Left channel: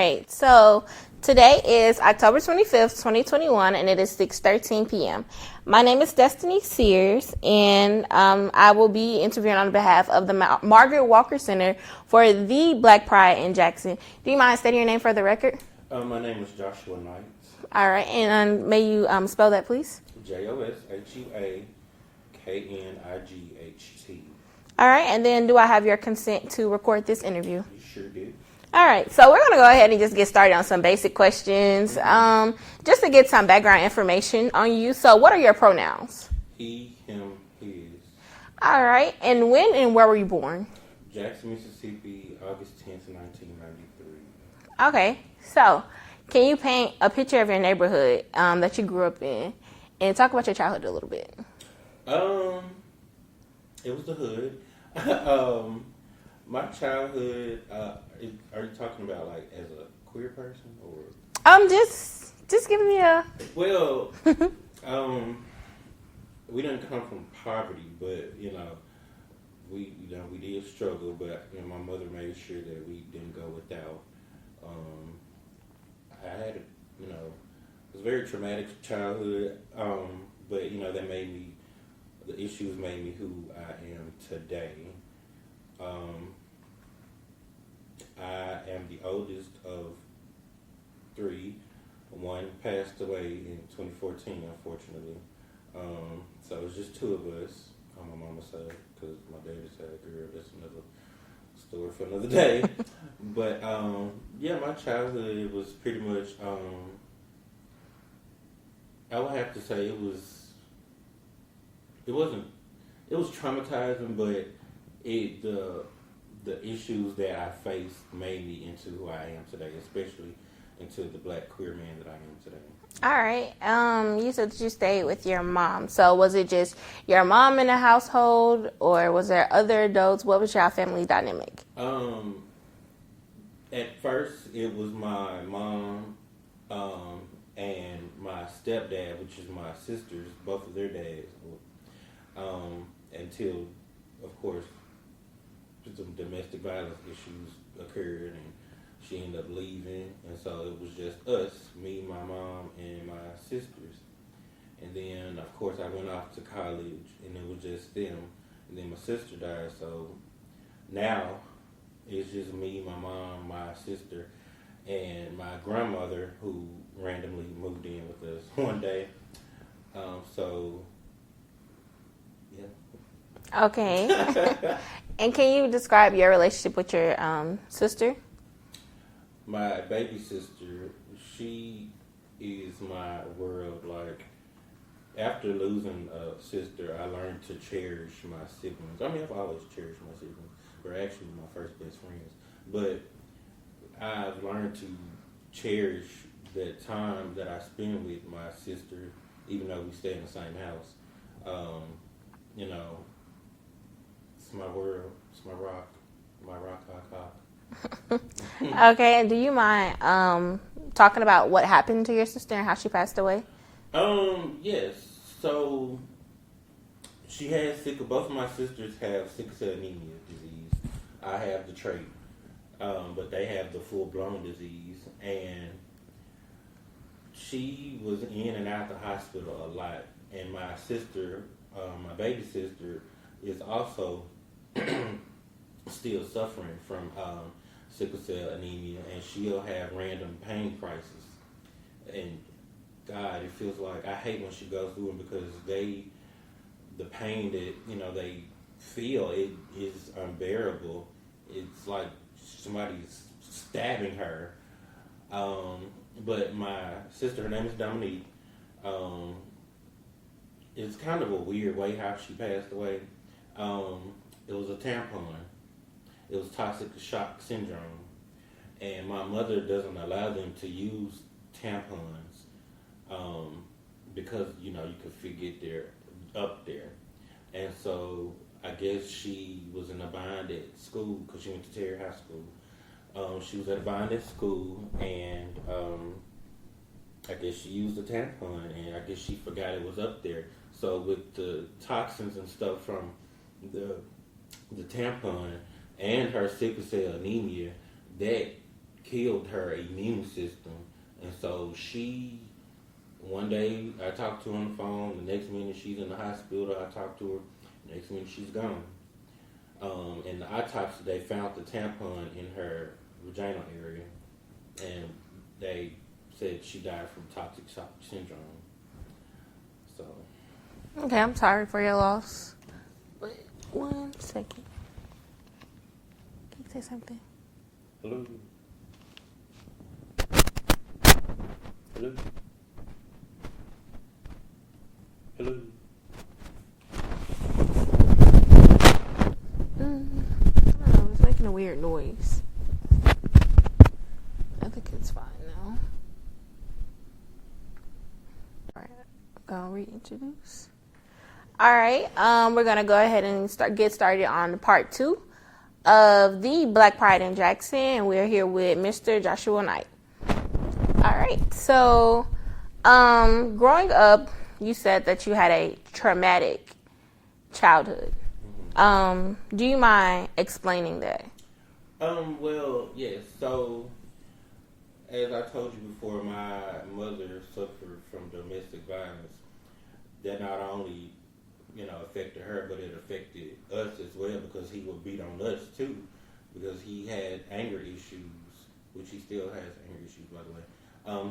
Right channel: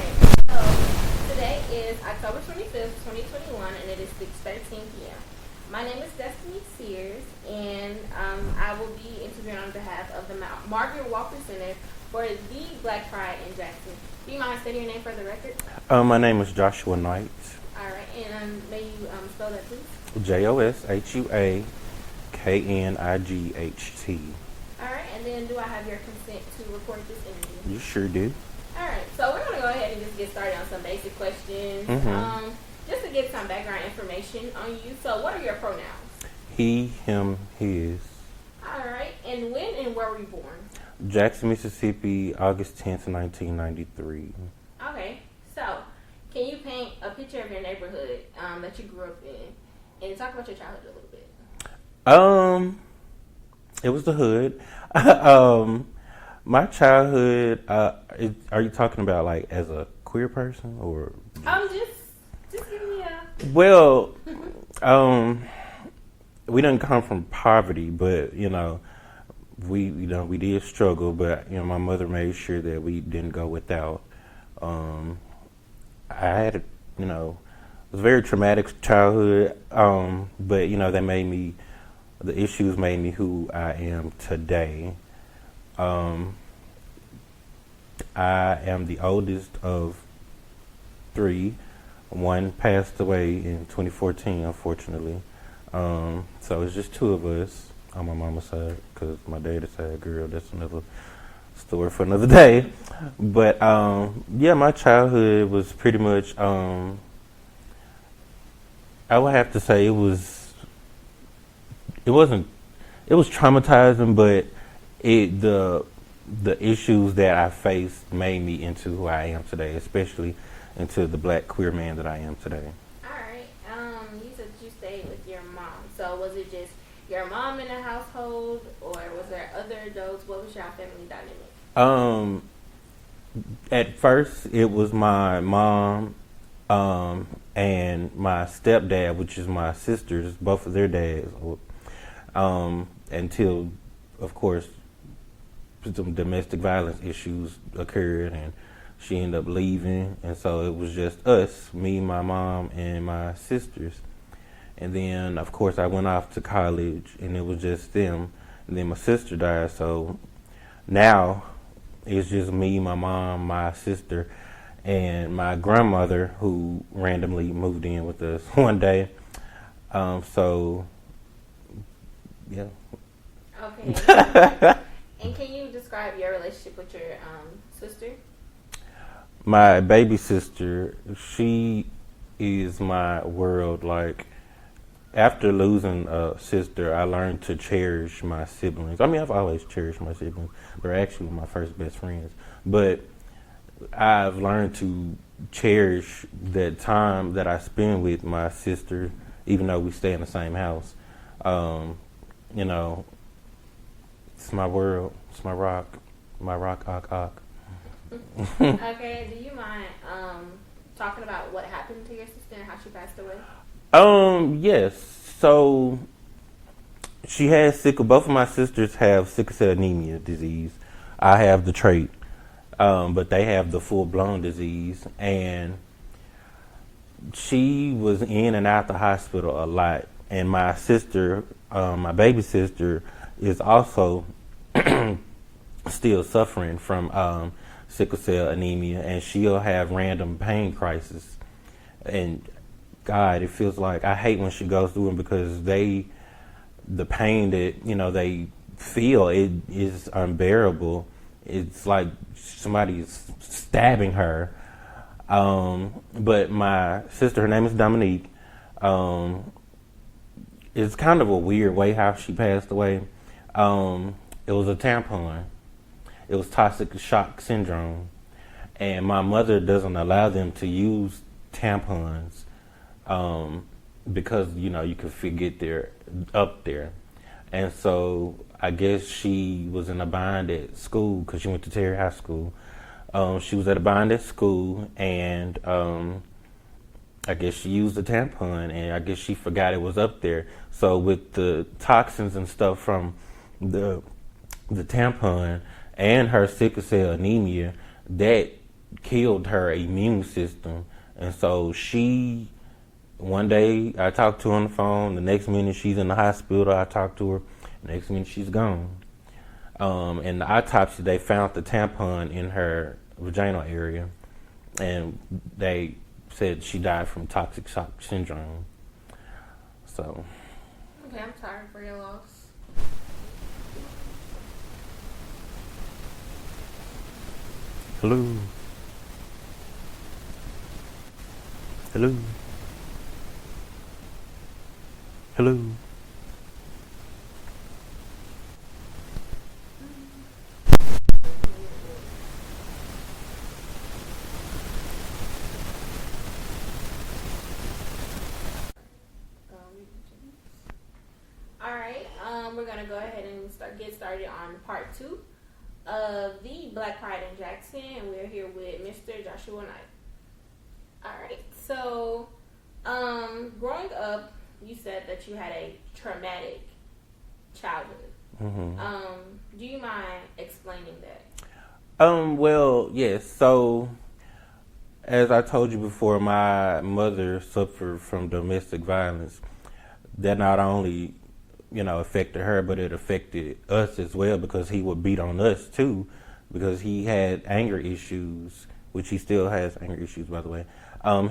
right, so today is October 25th, 2021, and it is 6:13 p.m. My name is Destiny Sears, and I will be interviewing on behalf of the Margaret Walker Center for the Black Pride in Jackson. Do you mind stating your name for the record? My name is Joshua Knight. All right, and may you spell that, please? JOSHUAKNIGHT. All right, and then do I have your consent to record this interview? You sure do. All right, so we're going to go ahead and just get started on some basic questions, just to get some background information on you. So what are your pronouns? He, him, his. All right, and when and where were you born? Jackson, Mississippi, August 10th, 1993. Okay, so can you paint a picture of your neighborhood that you grew up in and talk about your childhood a little bit? It was the hood. My childhood, are you talking about like as a queer person or? Just give me a. Well, we didn't come from poverty, but we did struggle, but my mother made sure that we didn't go without. I had it was a very traumatic childhood, but the issues made me who I am today. I am the oldest of three. One passed away in 2014, unfortunately. So it's just two of us on my mama's side, because my daddy's side, girl, that's another story for another day. But my childhood was pretty much, I would have to say it was traumatizing, but the issues that I faced made me into who I am today, especially into the black queer man that I am today. All right. You said that you stayed with your mom. So was it just your mom in the household, or was there other adults? What was your family dynamic? At first, it was my mom and my stepdad, which is my sisters, both of their dads, until, of course, some domestic violence issues occurred, and she ended up leaving, and so it was just us, me, my mom, and my sisters. And then, of course, I went off to college, and it was just them. And then my sister died, so now it's just me, my mom, my sister, and my grandmother, who randomly moved in with us one day. So, yeah. Okay. And can you describe your relationship with your sister? My baby sister, she is my world. Like, after losing a sister, I learned to cherish my siblings. I mean, I've always cherished my siblings. They're actually my first best friends. But I've learned to cherish that time that I spend with my sister, even though we stay in the same house. It's my world. It's my rock. My rock, Okay, and do you mind talking about what happened to your sister and how she passed away? Yes. So she has both of my sisters have sickle cell anemia disease. I have the trait, but they have the full-blown disease, and she was in and out the hospital a lot. And my sister, my baby sister, is also still suffering from sickle cell anemia, and she'll have random pain crises. And God, it feels like I hate when she goes through them, because the pain that they feel, it is unbearable. It's like somebody's stabbing her. But my sister, her name is Dominique. It's kind of a weird way how she passed away. It was a tampon. It was toxic shock syndrome, and my mother doesn't allow them to use tampons because you can forget they're up there. And so I guess she was in a bind at school, because she went to Terry High School. She was at a bind at school, and I guess she used a tampon, and I guess she forgot it was up there. So with the toxins and stuff from the tampon and her sickle cell anemia, that killed her immune system. And so one day I talked to her on the phone. The next minute she's in the hospital. I talked to her. The next minute she's gone. In the autopsy, they found the tampon in her vaginal area, and they said she died from toxic shock syndrome. So. Okay, I'm sorry for your loss. Wait 1 second. Hello. Hello. Hello. I was making a weird noise. Alright, I'll reintroduce. Alright, we're gonna go ahead and get started on part 2 of the Black Pride in Jackson, and we're here with Mr. Joshua Knight. Alright, so growing up, you said that you had a traumatic childhood. Mm-hmm. Do you mind explaining that? Well, yes. So, as I told you before, my mother suffered from domestic violence. That not only, affected her, but it affected us as well, because he would beat on us too, because he had anger issues, which he still has anger issues, by the way.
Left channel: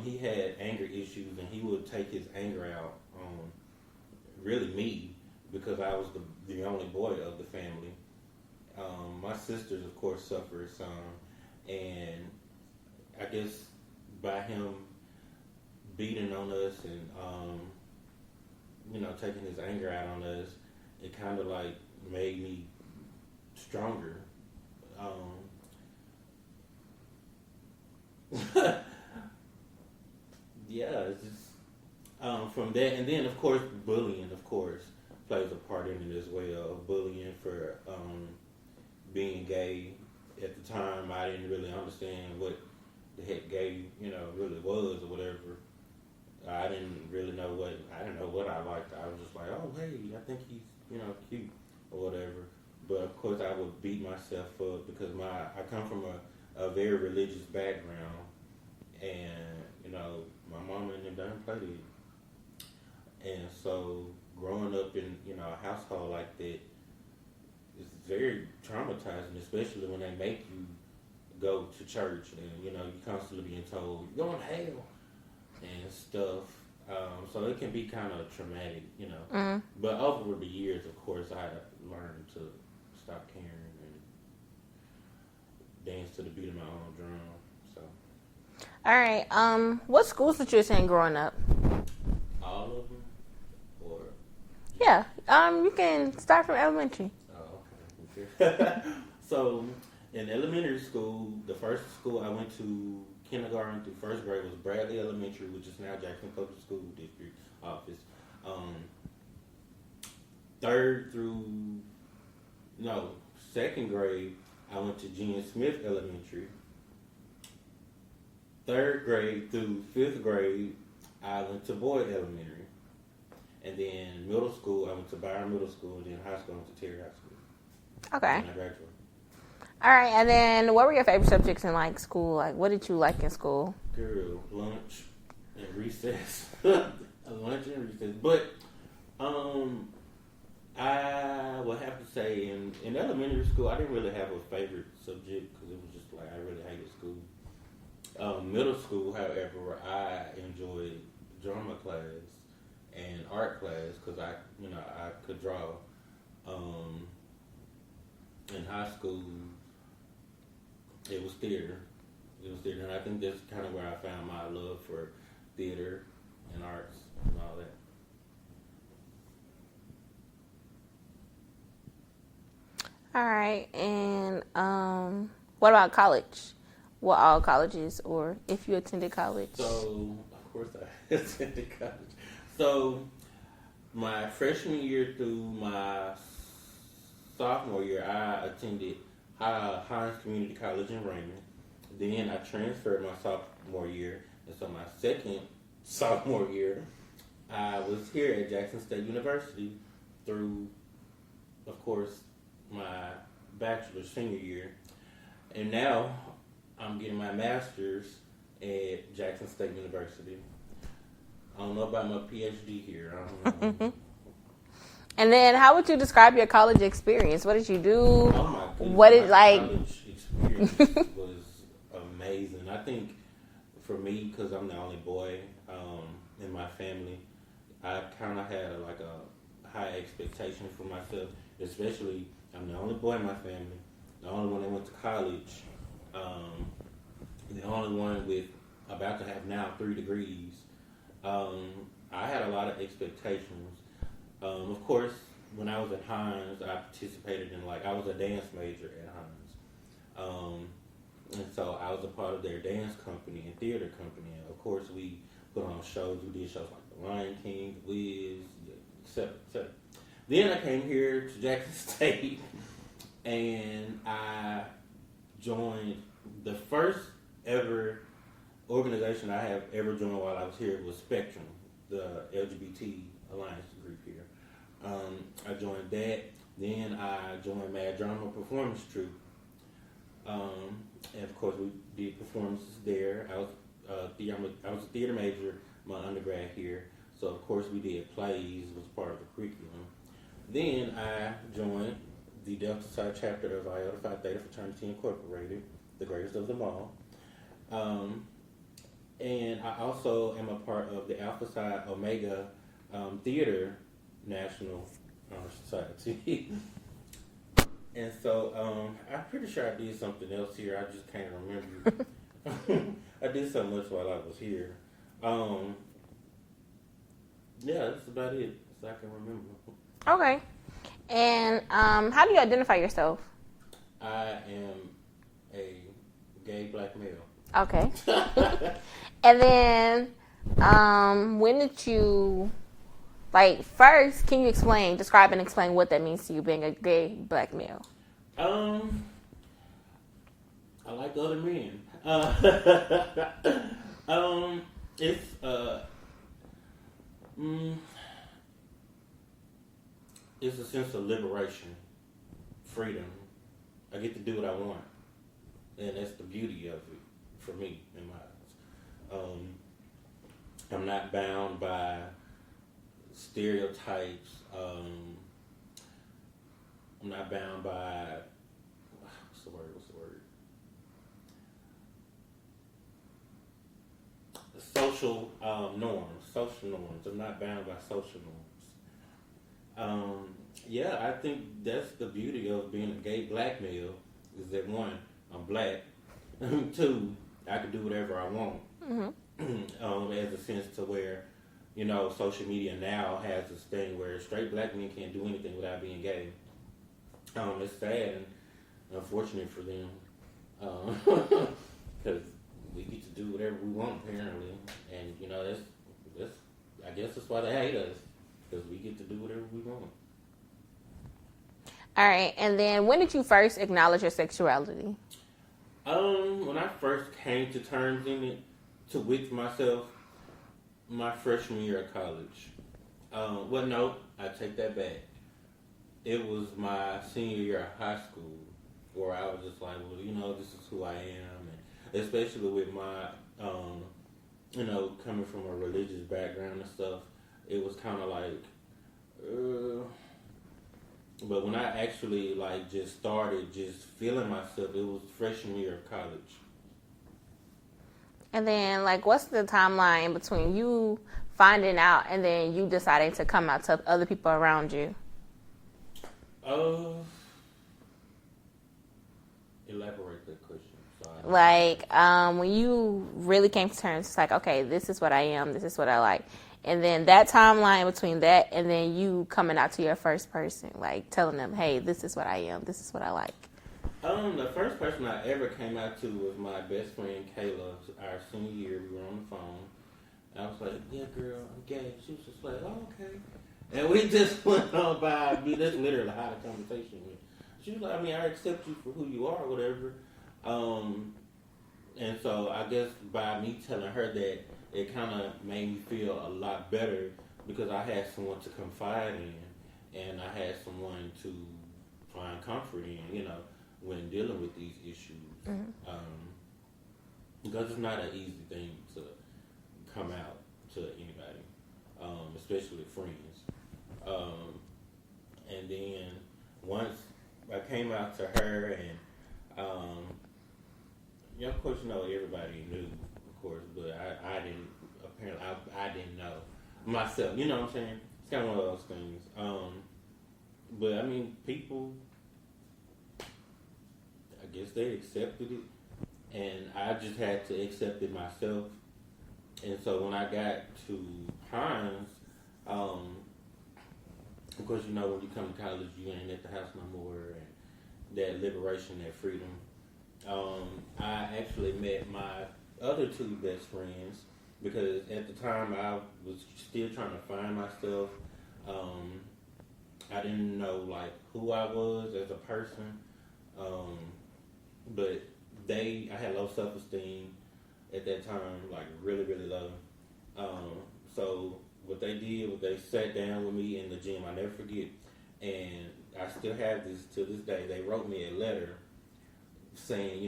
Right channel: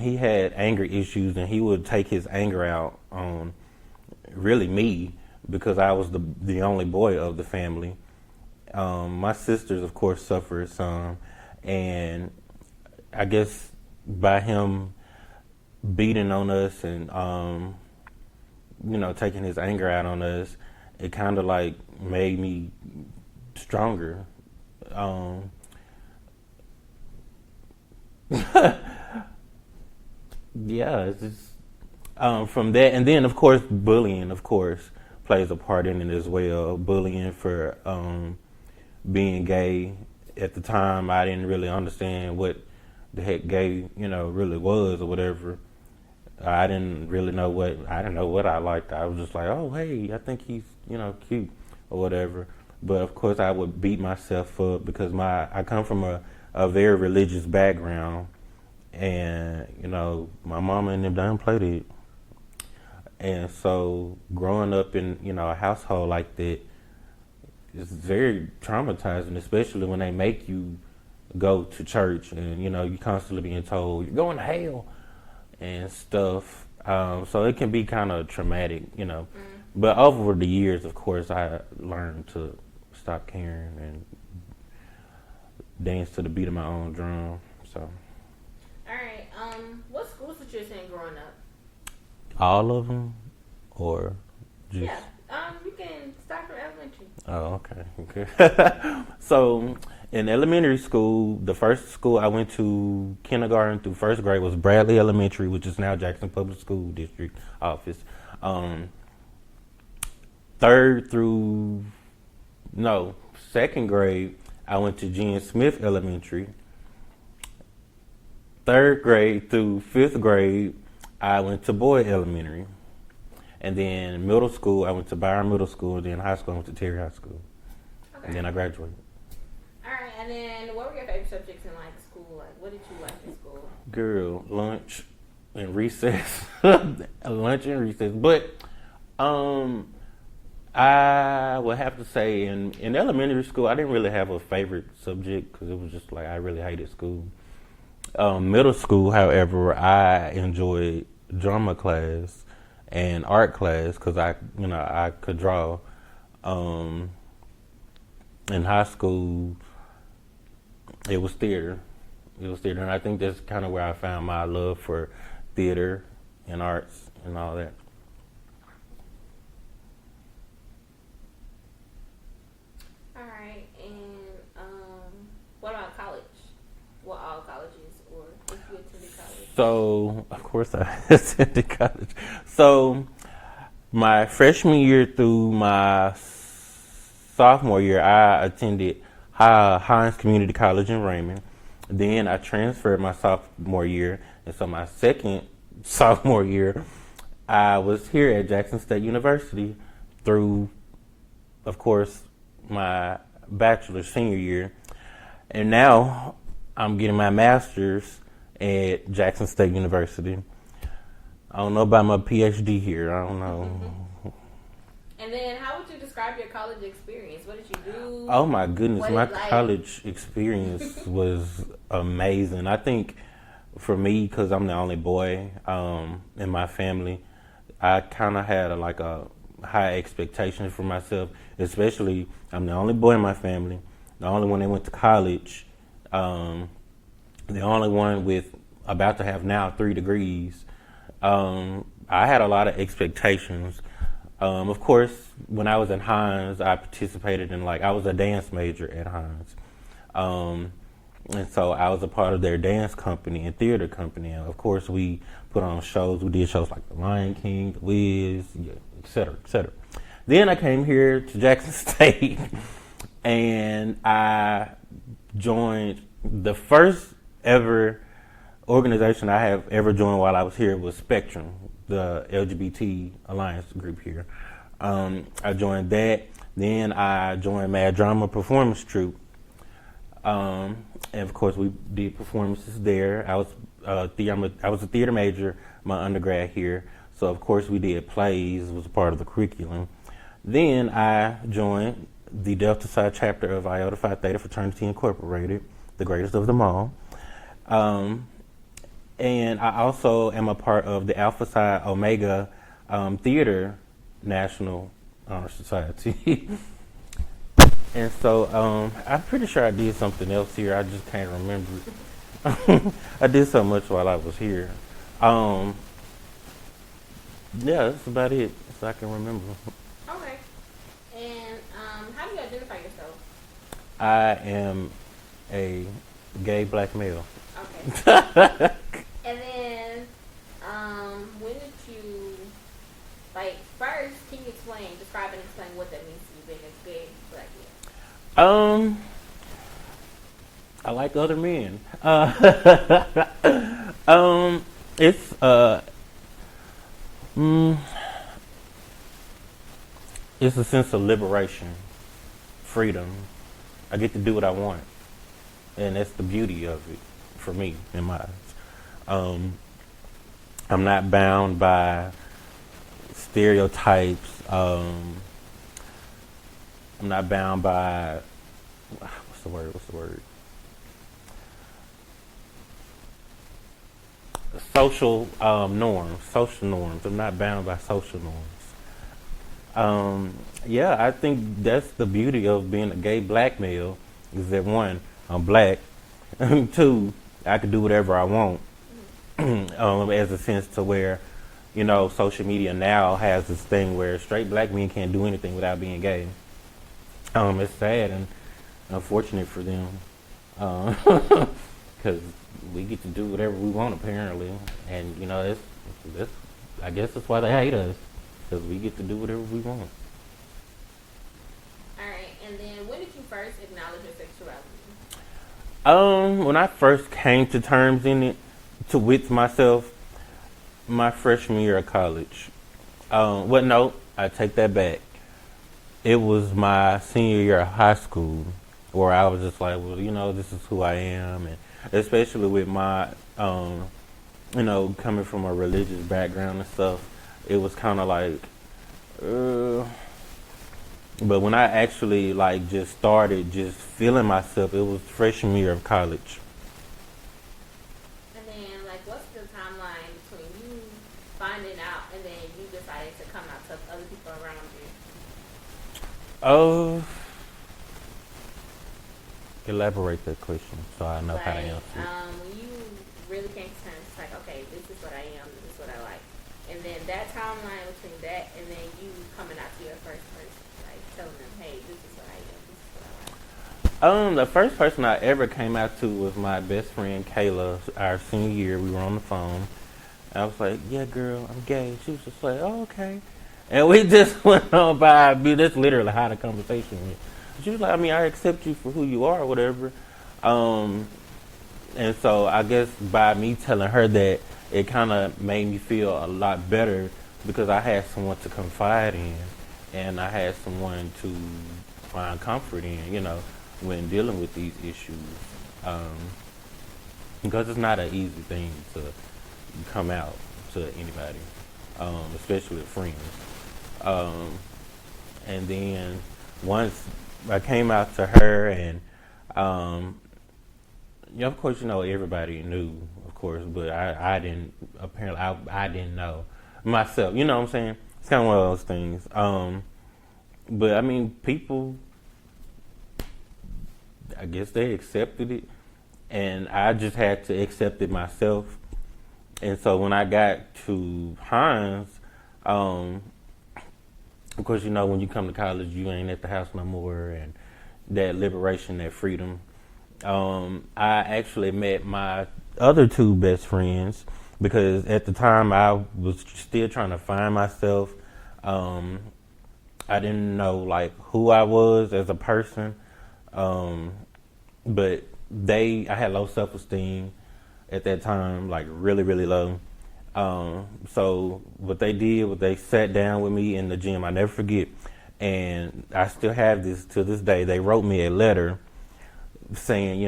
He had anger issues, and he would take his anger out on really me, because I was the only boy of the family. My sisters, of course, suffered some, and I guess by him beating on us and taking his anger out on us, it kind of like made me stronger. Yeah, it's just, from that, and then of course bullying, of course, plays a part in it as well. Bullying for being gay. At the time, I didn't really understand what the heck gay, really was or whatever. I didn't know what I liked. I was just like, oh, hey, I think he's, cute or whatever. But of course, I would beat myself up because I come from a very religious background, and my mama and them done played it. And so growing up in a household like that is very traumatizing, especially when they make you go to church and you constantly being told you're going to hell and stuff. So it can be kind of traumatic, Mm-hmm. But over the years, of course, I learned to stop caring and dance to the beat of my own drum. So. All right. What schools did you attend growing up? All of them, or just... Yeah. You can start from elementary. Oh, okay. So, in elementary school, the first school I went to kindergarten through first grade was Bradley Elementary, which is now Jackson Public School District office. Second grade, I went to Gene Smith Elementary. Third grade through fifth grade, I went to Boyd Elementary. And then middle school, I went to Byron Middle School. And then high school, I went to Terry High School. Okay. And then I graduated. All right. And then what were your favorite subjects in school? What did you like in school? Girl, lunch and recess. Lunch and recess. But I would have to say in elementary school, I didn't really have a favorite subject because it was just I really hated school. Middle school, however, I enjoyed drama class and art class because I could draw. In high school, it was theater. And I think that's kind of where I found my love for theater and arts and all that. All right. And what about college? What all colleges, or if you attended college? So, of course, I attended college. So, my freshman year through my sophomore year, I attended Hines Community College in Raymond. Then I transferred my sophomore year, and so my second sophomore year, I was here at Jackson State University through, of course, my bachelor's senior year. And now I'm getting my master's at Jackson State University. I don't know about my PhD here. I don't know. And then, how would you describe your college experience? What did you do? Oh my goodness, What my is like? college experience was amazing. I think for me, because I'm the only boy in my family, I kind of had a high expectation for myself. Especially, I'm the only boy in my family, the only one that went to college, the only one with about to have now 3 degrees. I had a lot of expectations. Of course, when I was in Hines, I participated in I was a dance major at Hines. And so I was a part of their dance company and theater company. And of course, we put on shows. We did shows like The Lion King, The Wiz, et cetera, et cetera. Then I came here to Jackson State and I joined the first ever organization I have ever joined while I was here was Spectrum, the LGBT Alliance group here. I joined that. Then I joined Mad Drama Performance Troupe. And of course, we did performances there. I was a theater major, my undergrad here. So of course, we did plays. It was a part of the curriculum. Then I joined the Delta Psi chapter of Iota Phi Theta Fraternity Incorporated, the greatest of them all. And I also am a part of the Alpha Psi Omega Theater National Honor Society. And so I'm pretty sure I did something else here. I just can't remember. I did so much while I was here. Yeah, that's about it. So I can remember. Okay. And how do you identify yourself? I am a gay black male. Okay. And then, when did you, first, can you describe and explain what that means to you being a gay black male? I like other men. It's it's a sense of liberation, freedom. I get to do what I want, and that's the beauty of it for me in my eyes. I'm not bound by stereotypes. I'm not bound by what's the word? Social norms. I'm not bound by social norms. Yeah, I think that's the beauty of being a gay black male is that one, I'm black. Two, I can do whatever I want. Mm-hmm. As a sense to where, social media now has this thing where straight black men can't do anything without being gay. It's sad and unfortunate for them because we get to do whatever we want apparently, and that's I guess that's why they hate us because we get to do whatever we want. All right, and then when did you first acknowledge your sexuality? When I first came to terms with myself, my freshman year of college. Well, no, I take that back. It was my senior year of high school where I was just like, well, this is who I am, and especially with my, coming from a religious background and stuff, it was kind of like, but when I actually just started just feeling myself, it was freshman year of college. And then, what's the timeline between you finding out and then you deciding to come out to other people around you? Elaborate that question so I know. When you really came to terms, it's like, okay, this is what I am, this is what I like. And then that timeline between that and then you coming out to your first person, telling them, hey, this is what I am, this is what I like. The first person I ever came out to was my best friend Kayla. Our senior year, we were on the phone. I was like, yeah, girl, I'm gay. She was just like, oh, okay. And we just went on by. That's literally how the conversation went. She was like, I accept you for who you are or whatever. And so I guess by me telling her that, it kind of made me feel a lot better because I had someone to confide in and I had someone to find comfort in, when dealing with these issues. because it's not an easy thing to come out to anybody, especially with friends. Um, and then once I came out to her, and yeah, of course, everybody knew, of course, but I didn't. Apparently, I didn't know myself. You know what I'm saying? It's kind of one of those things. But I mean, people, I guess they accepted it, and I just had to accept it myself. And so when I got to Hines, of course, when you come to college, you ain't at the house no more, and that liberation, that freedom. I actually met my other two best friends because at the time I was still trying to find myself. I didn't know like who I was as a person, but I had low self-esteem at that time, like really, really low. So what they did was they sat down with me in the gym. I never forget, and I still have this to this day. They wrote me a letter saying,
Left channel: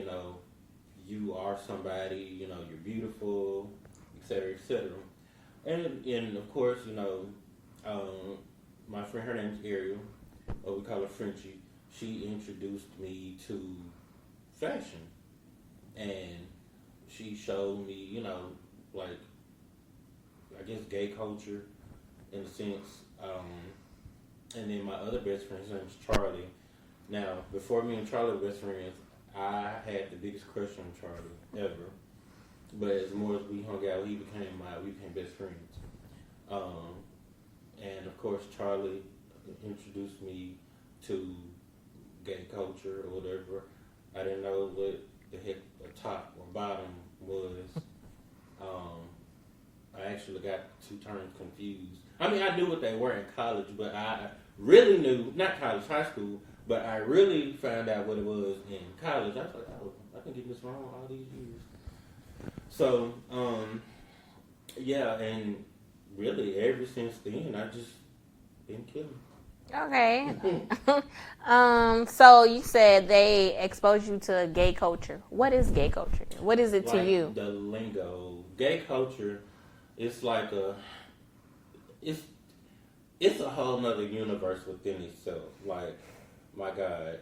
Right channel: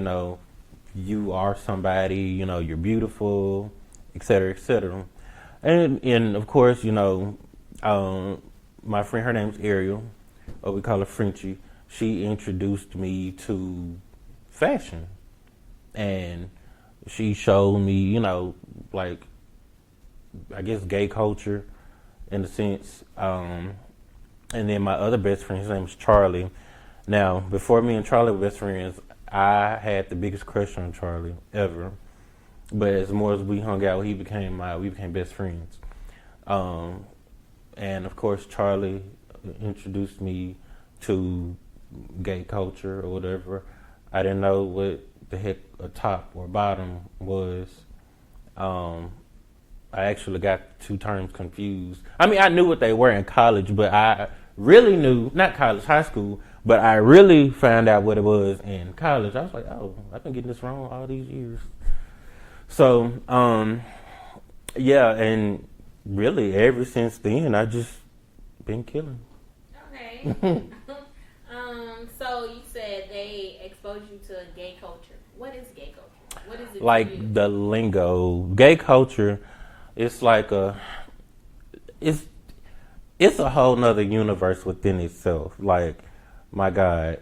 you are somebody, you're beautiful, et cetera, et cetera. And of course, my friend, her name's Ariel, or we call her Frenchie. She introduced me to fashion, and she showed me, like, I guess gay culture in a sense. And then my other best friend, his name was Charlie. Now, before me and Charlie were best friends, I had the biggest crush on Charlie ever. But as more as we hung out, we became best friends. And of course, Charlie introduced me to gay culture or whatever. I didn't know what the heck a top or bottom was. I actually got two terms confused. I mean, I knew what they were in college, but I really knew, not college, high school, but I really found out what it was in college. I was like, oh, I've been getting this wrong all these years. So, yeah, and really ever since then, I just been killing. Okay. So you said they exposed you to gay culture. What is gay culture? What is it like to you? Like the lingo. Gay culture, it's like it's a whole nother universe within itself. Like, my God.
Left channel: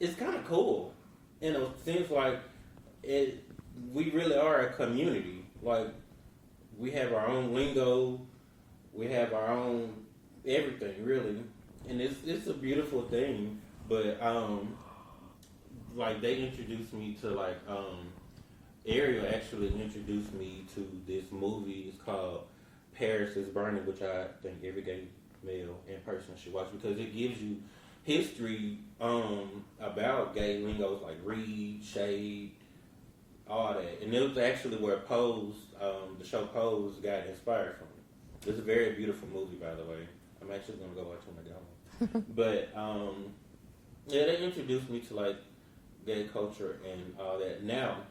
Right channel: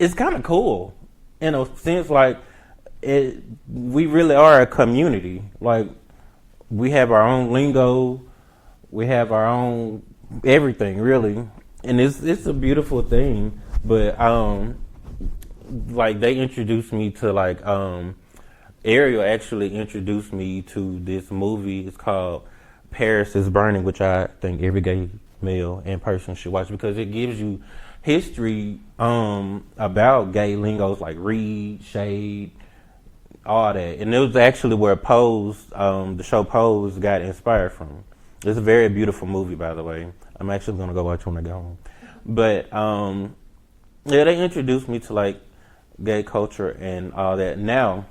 it's kind of cool in a sense. Like, we really are a community. Like, we have our own lingo, we have our own everything, really, and it's a beautiful thing. But like, they introduced me to like Ariel actually introduced me to this movie. It's called Paris is Burning, which I think every gay male and person should watch because it gives you history about gay lingos like read, shade, all that. And it was actually where Pose, the show Pose, got inspired from. It's a very beautiful movie, by the way. I'm actually going to go watch when I go home. But, yeah, they introduced me to, like, gay culture and all that. Now,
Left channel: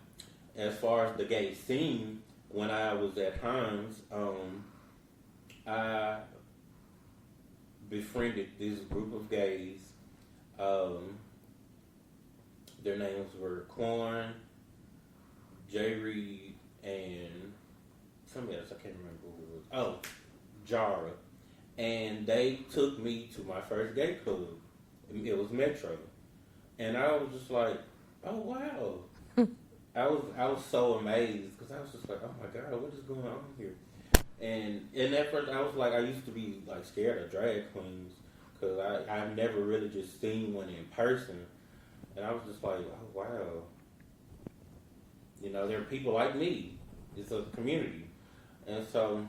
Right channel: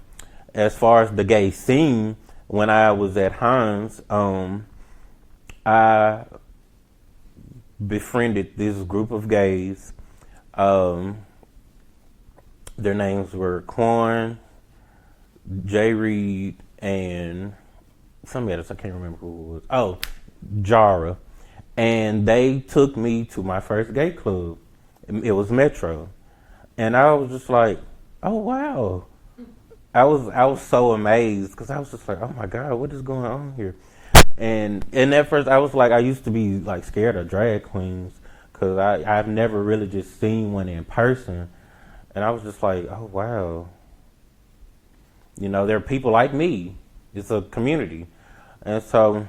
as far as the gay scene, when I was at Hines, I befriended this group of gays. Their names were Quan, Jay Reed, and somebody else, I can't remember who it was. Oh, Jara. And they took me to my first gay club. It was Metro. And I was just like, oh, wow. I was so amazed because I was just like, oh, my God, what is going on here? And at first I was like, I used to be like scared of drag queens because I've never really just seen one in person. And I was just like, oh, wow. There are people like me. It's a community. And so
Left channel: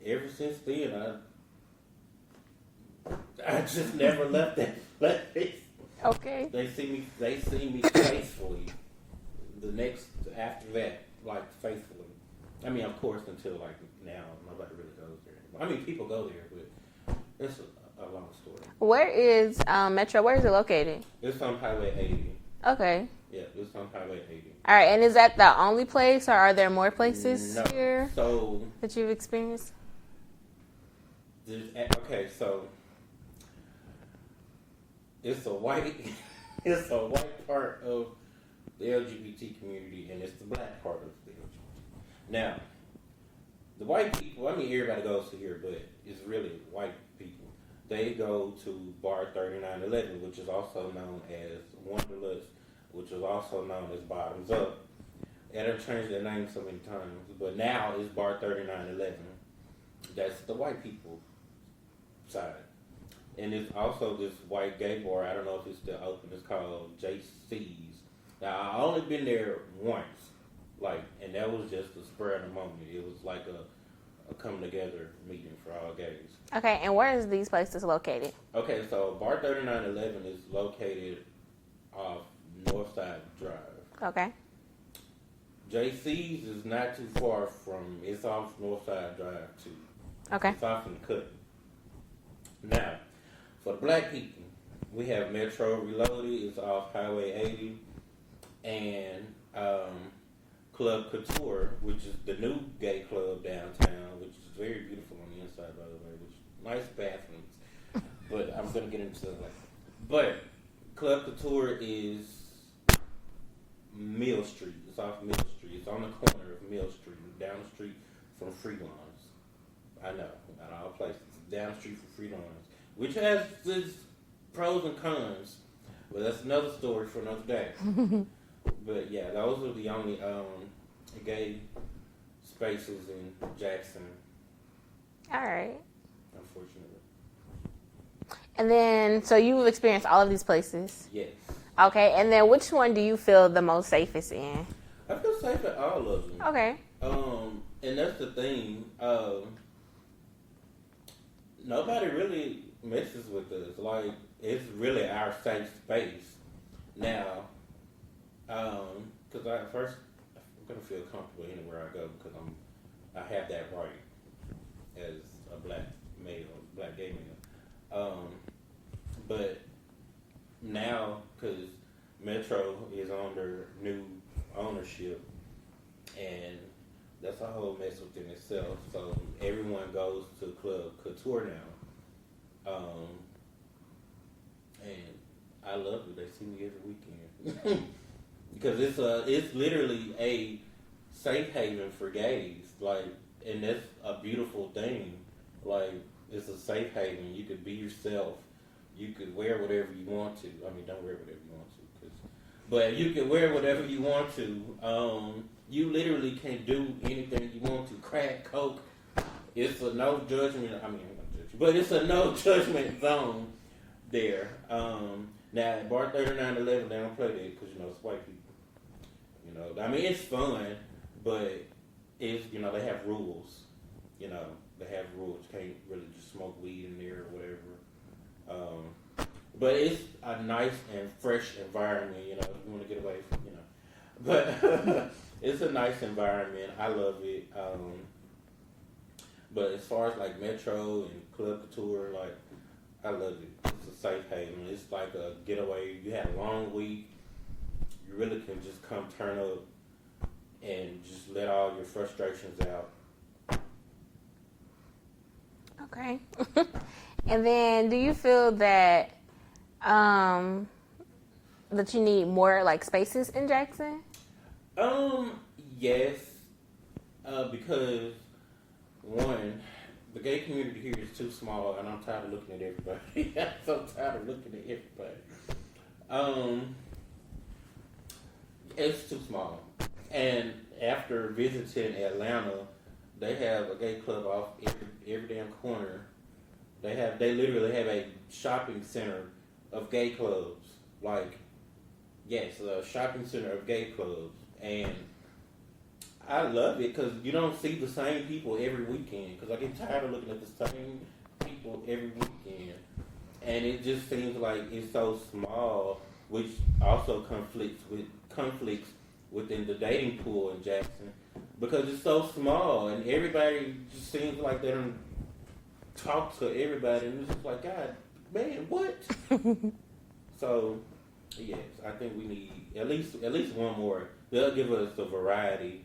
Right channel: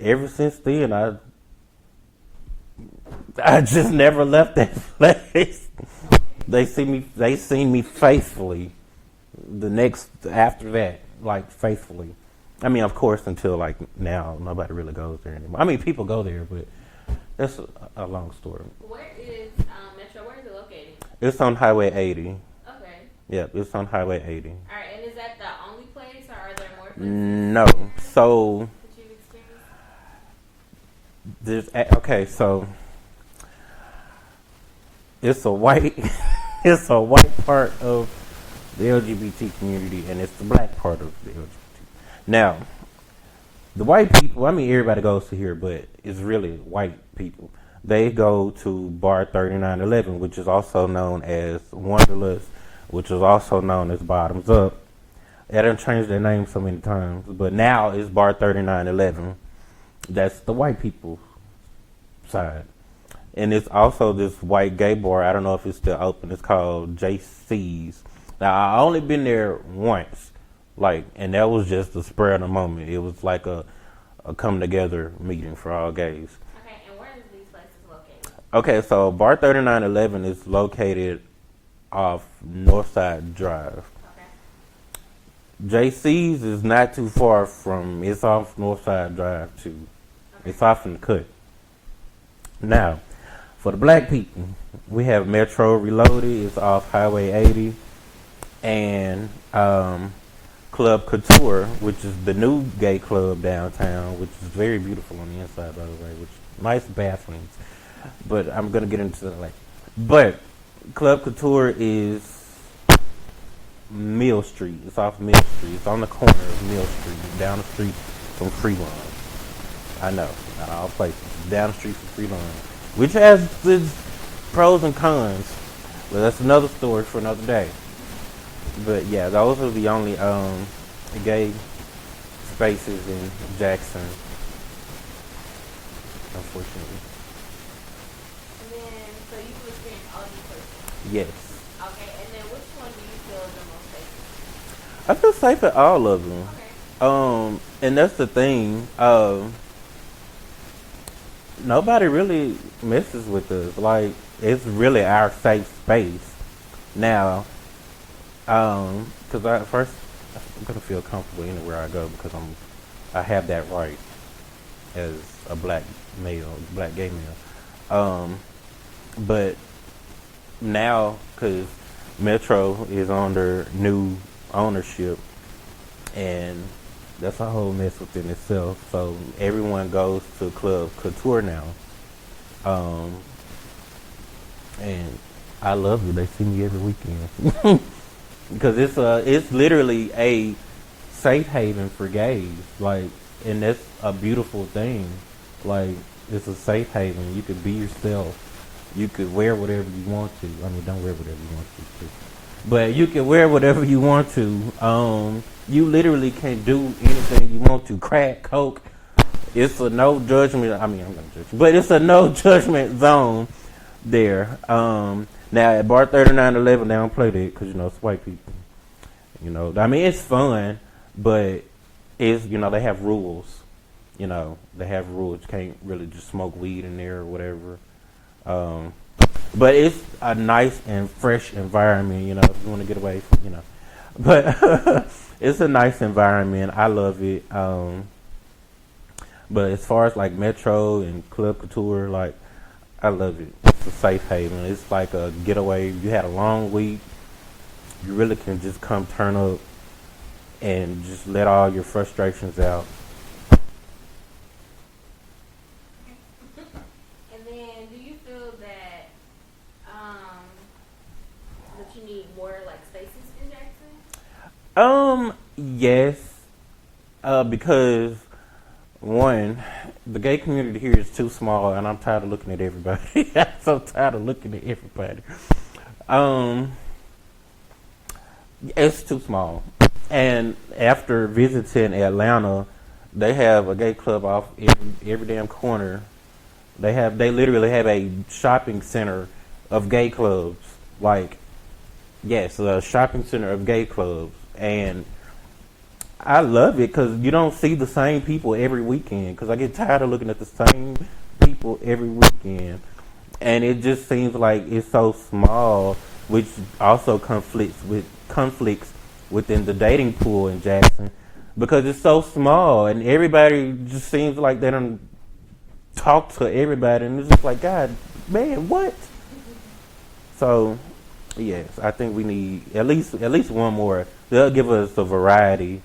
ever since then, I just never left that place. Okay. They seen me faithfully. After that, like, faithfully. I mean, of course, until like now, nobody really goes there anymore. I mean, people go there, but that's a long story. Where is Metro? Where is it located? It's on Highway 80. Okay. Yeah, it's on Highway 80. All right, and is that the only place, or are there more places here so that you've experienced? So it's a white It's a white part of the LGBT community, and it's the black part of the LGBT. Now, the white people, I mean, everybody goes to here, but it's really white people. They go to Bar 3911, which is also known as Wanderlust, which is also known as Bottoms Up. They done changed their name so many times, but now it's Bar 3911. That's the white people side. And it's also this white gay bar. I don't know if it's still open. It's called JC's. Now, I only been there once, and that was just the spur of the moment. It was like a come together meeting for all gays. Okay, and where is these places located? Okay, so Bar 3911 is located off Northside Drive. Okay. JC's is not too far from, it's off Northside Drive too. Okay. It's off in the cut. Now, for the black people, we have Metro Reloaded. It's off Highway 80. And Club Couture, which is the new gay club downtown, which is very beautiful on the inside, by the way, which nice bathrooms. But I'm going to get into that later. But Club Couture is Mill Street. It's off Mill Street. It's on the corner of Mill Street, down the street from Freelon. I know, not all places. Down the street from Freelon, which has its pros and cons. But that's another story for another day. But yeah, those are the only gay spaces in Jackson. All right. Unfortunately. And then, so you've experienced all of these places. Yes. Okay, and then which one do you feel the most safest in? I feel safe at all of them. Okay. And that's the thing. Nobody really messes with us. Like, it's really our safe space. Now, because I'm gonna feel comfortable anywhere I go because I have that right as a black gay male. But now, because Metro is under new ownership, and that's a whole mess within itself. So everyone goes to Club Couture now, and I love it. They see me every weekend because it's literally a safe haven for gays. Like, and that's a beautiful thing. Like, it's a safe haven. You can be yourself. You could wear whatever you want to. I mean, don't wear whatever you want to, but you can wear whatever you want to. You literally can do anything you want to. Crack, coke. It's a no judgment. I mean, I'm not judging, but it's a no judgment zone there. Now at Bar 3911, they don't play that because it's white people. I mean, it's fun, but it's they have rules. They have rules. You can't really just smoke weed in there or whatever. But it's a nice and fresh environment. If you want to get away from, but it's a nice environment. I love it. But as far as like Metro and Club Couture, like, I love it. It's a safe haven. It's like a getaway. You had a long week. You really can just come turn up and just let all your frustrations out. Okay. And then, do you feel that that you need more like spaces in Jackson? Yes. Because one, the gay community here is too small, and I'm tired of looking at everybody. I'm so tired of looking at everybody. It's too small. And after visiting Atlanta, they have a gay club off every damn corner. They literally have a shopping center of gay clubs. Like, yes, a shopping center of gay clubs. And I love it because you don't see the same people every weekend. Because I get tired of looking at the same people every weekend. And it just seems like it's so small, which also conflicts within the dating pool in Jackson. Because it's so small and everybody just seems like they don't talk to everybody. And it's just like, God, man, what? So, yes, I think we need at least one more. They'll give us a variety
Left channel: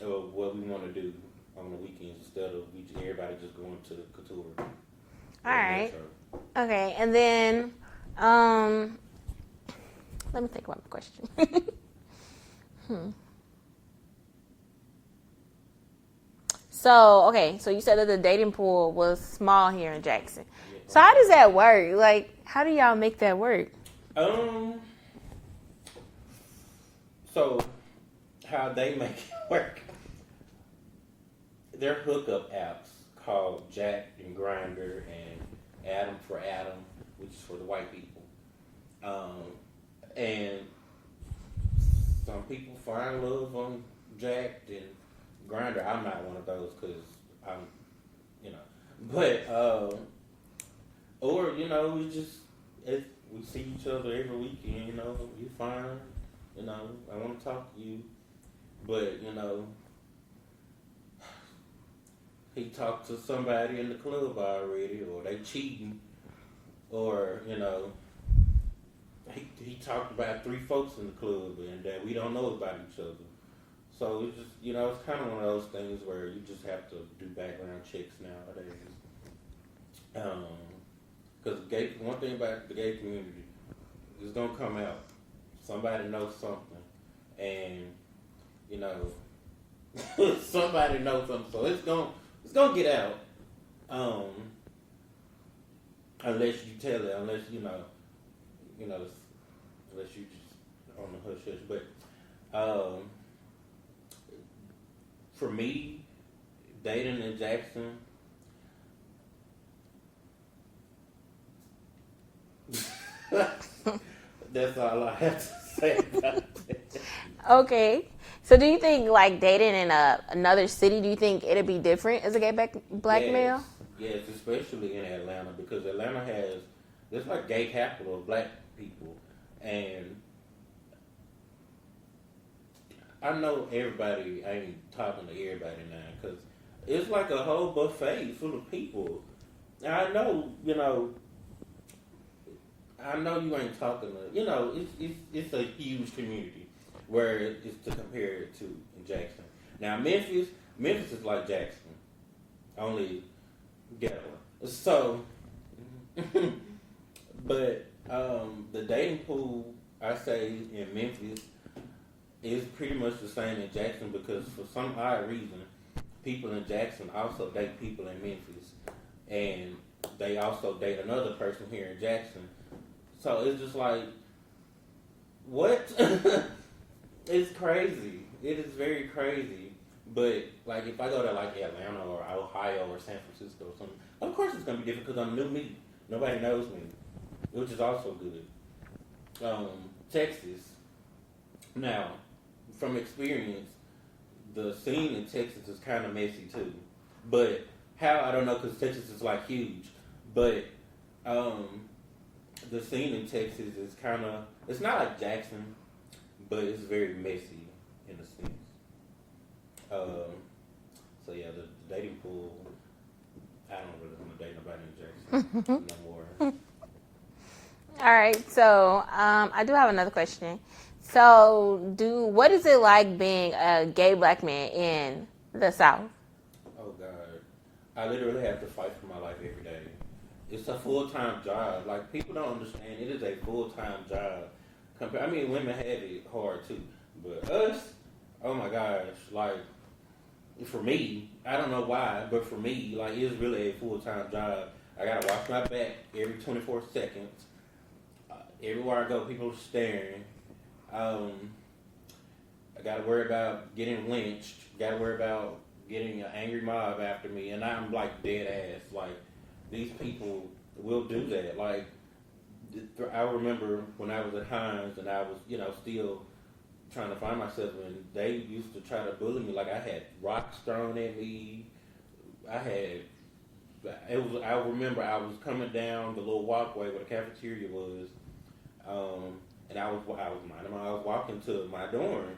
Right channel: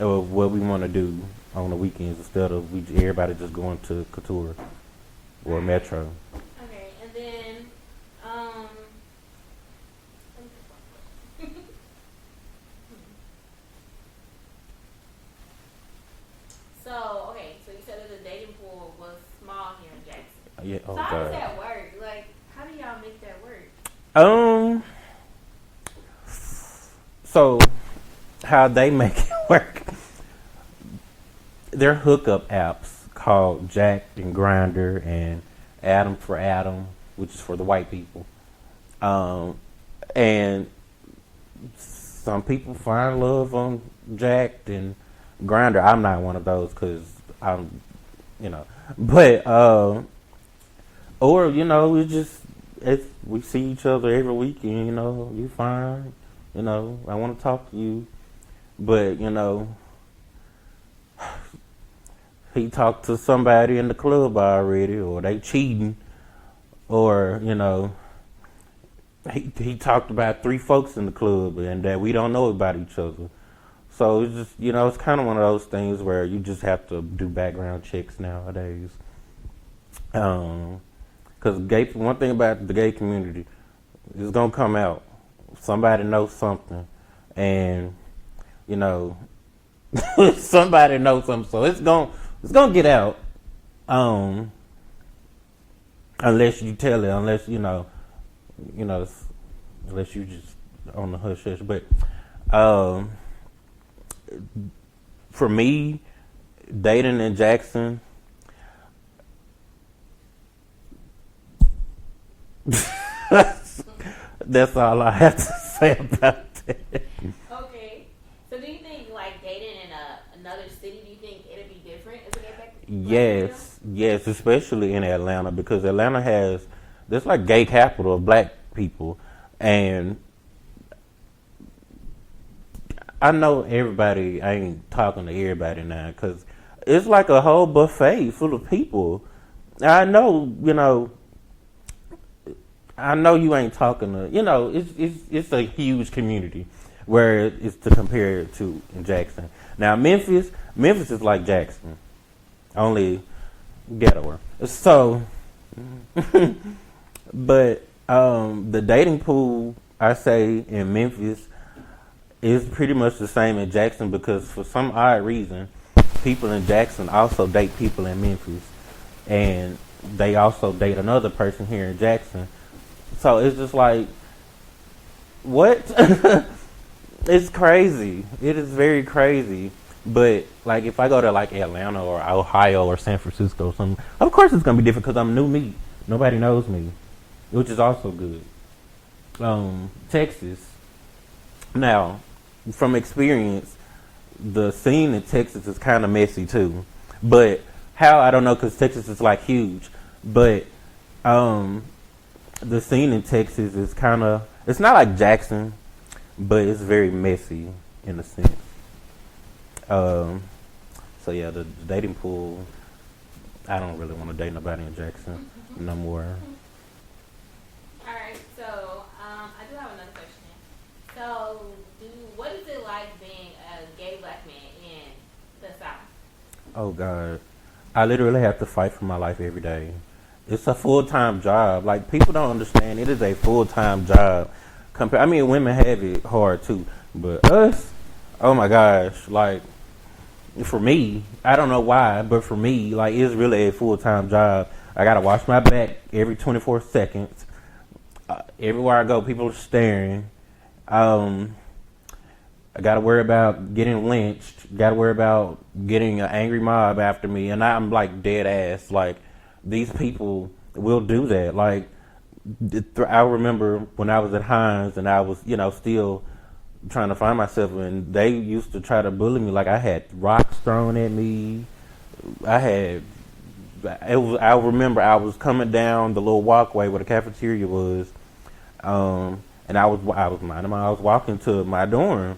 of what we want to do on the weekends instead of everybody just going to Couture or All right. Metro. Okay, and then Let me think about the question. So, okay, so you said that the dating pool was small here in Jackson. Yeah, So how does that work? Like, how do y'all make that work? So how they make it work? They're hookup apps called Jack and Grinder and Adam for Adam, which is for the white people. And some people find love on Jack and Grinder. I'm not one of those because I'm, but or we see each other every weekend. You fine. I want to talk to you, but he talked to somebody in the club already, or they cheating, or he talked about 3 folks in the club and that we don't know about each other. So it's just, it's kind of one of those things where you just have to do background checks nowadays. Because one thing about the gay community, it's gonna come out. Somebody knows something, and somebody knows something, so it's gonna get out. Unless you tell it, unless unless you just on the hush hush. But for me, dating in Jackson, that's all I have to say about that. Okay. So do you think, like, dating in another city, do you think it'd be different as a gay black male? Yes, especially in Atlanta, because Atlanta there's like gay capital of black people. And I know everybody, I ain't talking to everybody now, because it's like a whole buffet full of people. I know you ain't talking to, it's a huge community where it's to compare it to in Jackson. Now Memphis is like Jackson, only ghettoer. So, but the dating pool, I say, in Memphis is pretty much the same in Jackson, because for some odd reason, people in Jackson also date people in Memphis, and they also date another person here in Jackson. So it's just like, what? It's crazy. It is very crazy. But like, if I go to like Atlanta or Ohio or San Francisco or something, of course it's gonna be different because I'm new meat. Nobody knows me, which is also good. Texas. Now, from experience, the scene in Texas is kind of messy too. But how, I don't know, because Texas is like huge. But the scene in Texas is kind of, it's not like Jackson, but it's very messy in a sense. So yeah, the dating pool, I don't really want to date nobody in Jackson no more. All right, so I do have another question. So, what is it like being a gay black man in the South? Oh God, I literally have to fight for my life every day. It's a full-time job. Like, people don't understand. It is a full-time job. Women have it hard too, but us, oh my gosh, like, for me, I don't know why, but for me, like, it's really a full-time job. I gotta wash my back every 24 seconds. Everywhere I go, people are staring. I gotta worry about getting lynched. Gotta worry about getting an angry mob after me, and I'm like dead ass. Like, these people will do that. Like, I remember when I was at Hines and I was, still trying to find myself, and they used to try to bully me. Like, I had rocks thrown at me. I remember I was coming down the little walkway where the cafeteria was, and I was walking to my dorm,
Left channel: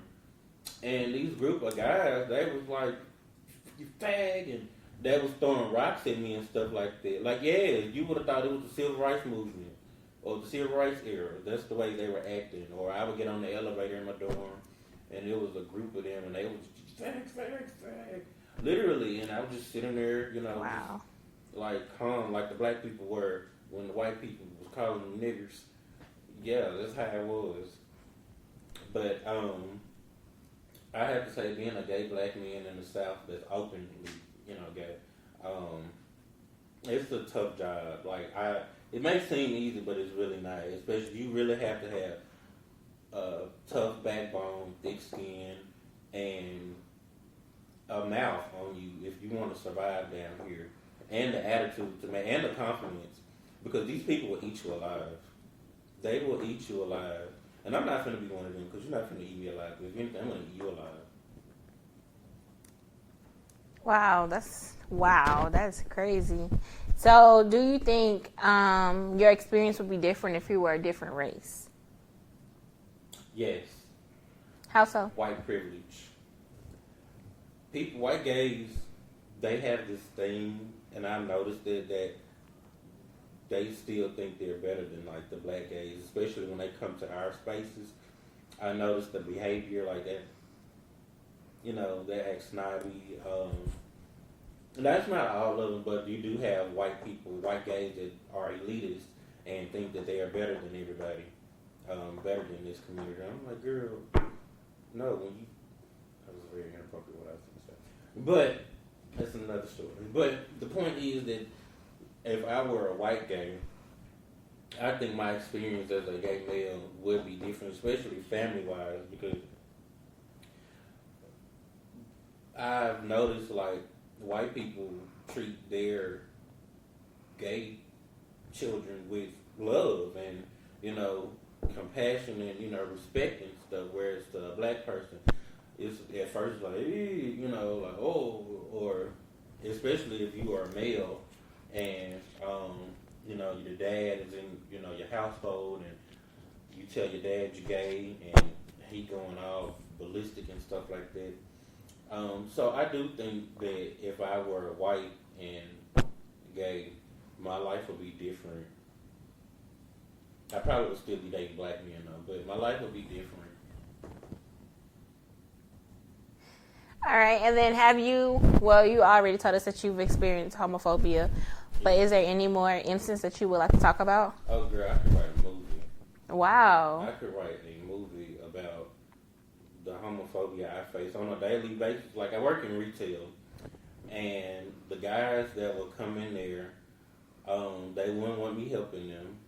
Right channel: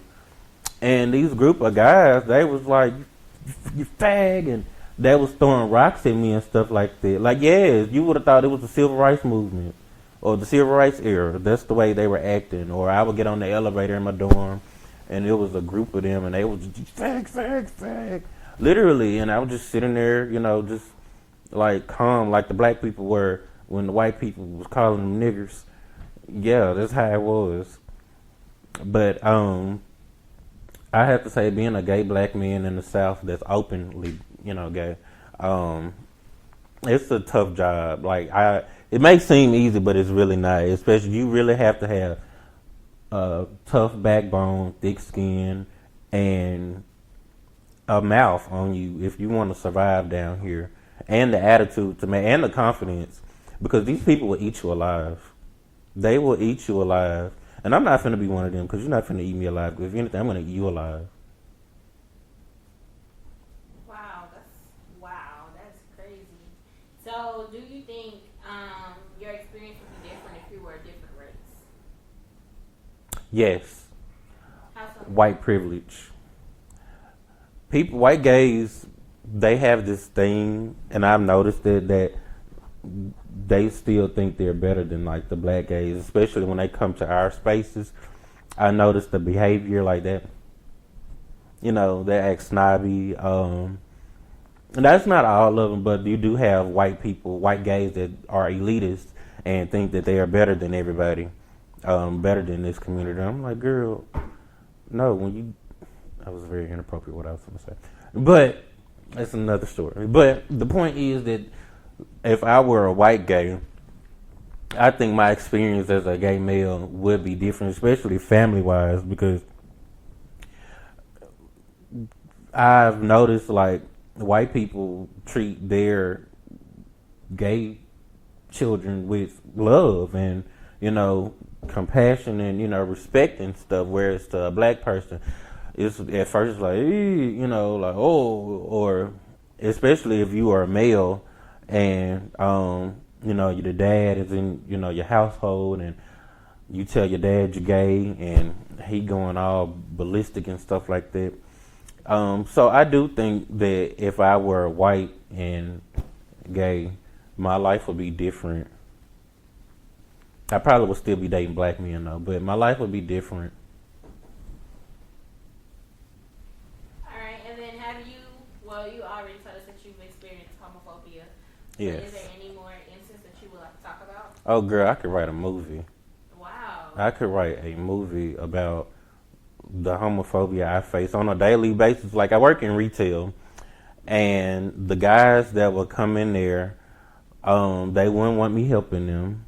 and these group of guys, they was like, "You fag," and they was throwing rocks at me and stuff like that. Like, yeah, you would have thought it was the civil rights movement or the civil rights era. That's the way they were acting. Or I would get on the elevator in my dorm, and it was a group of them, and they was just fag, fag, fag, literally. And I was just sitting there, just like calm, like the black people were when the white people was calling them niggers. Yeah, that's how it was. But I have to say, being a gay black man in the South that's openly, gay, um, it's a tough job. It may seem easy, but it's really not. Especially, you really have to have a tough backbone, thick skin, and a mouth on you if you want to survive down here, and the attitude to man, and the confidence, because these people will eat you alive. They will eat you alive, and I'm not finna be one of them because you're not finna eat me alive. If anything, I'm gonna eat you alive. Wow, that's crazy. So, do you think your experience would be different if you were a different race? Yes, How so? white privilege. White gays, they have this thing, and I've noticed that they still think they're better than like the black gays, especially when they come to our spaces. I noticed the behavior like that. They act snobby. And that's not all of them, but you do have white people, white gays that are elitists and think that they are better than everybody, better than this community. I'm like, girl, no. That was very inappropriate what I was going to say, but that's another story. But the point is that if I were a white gay, I think my experience as a gay male would be different, especially family wise, because I've noticed like white people treat their gay children with love and compassion and respect and stuff, whereas to a black person, it's at first like like oh, or especially if you are a male and your dad is in your household and you tell your dad you're gay and he going all ballistic and stuff like that. So I do think that if I were white and gay, my life would be different. I probably would still be dating black men though, but my life would be different. All right, and then you already told us that you've experienced homophobia, but Yes. is there any more instance that you would like to talk about? Oh, girl, I could write a movie. Wow. I could write a movie about the homophobia I face on a daily basis. Like, I work in retail, and the guys that would come in there, they wouldn't want me helping them.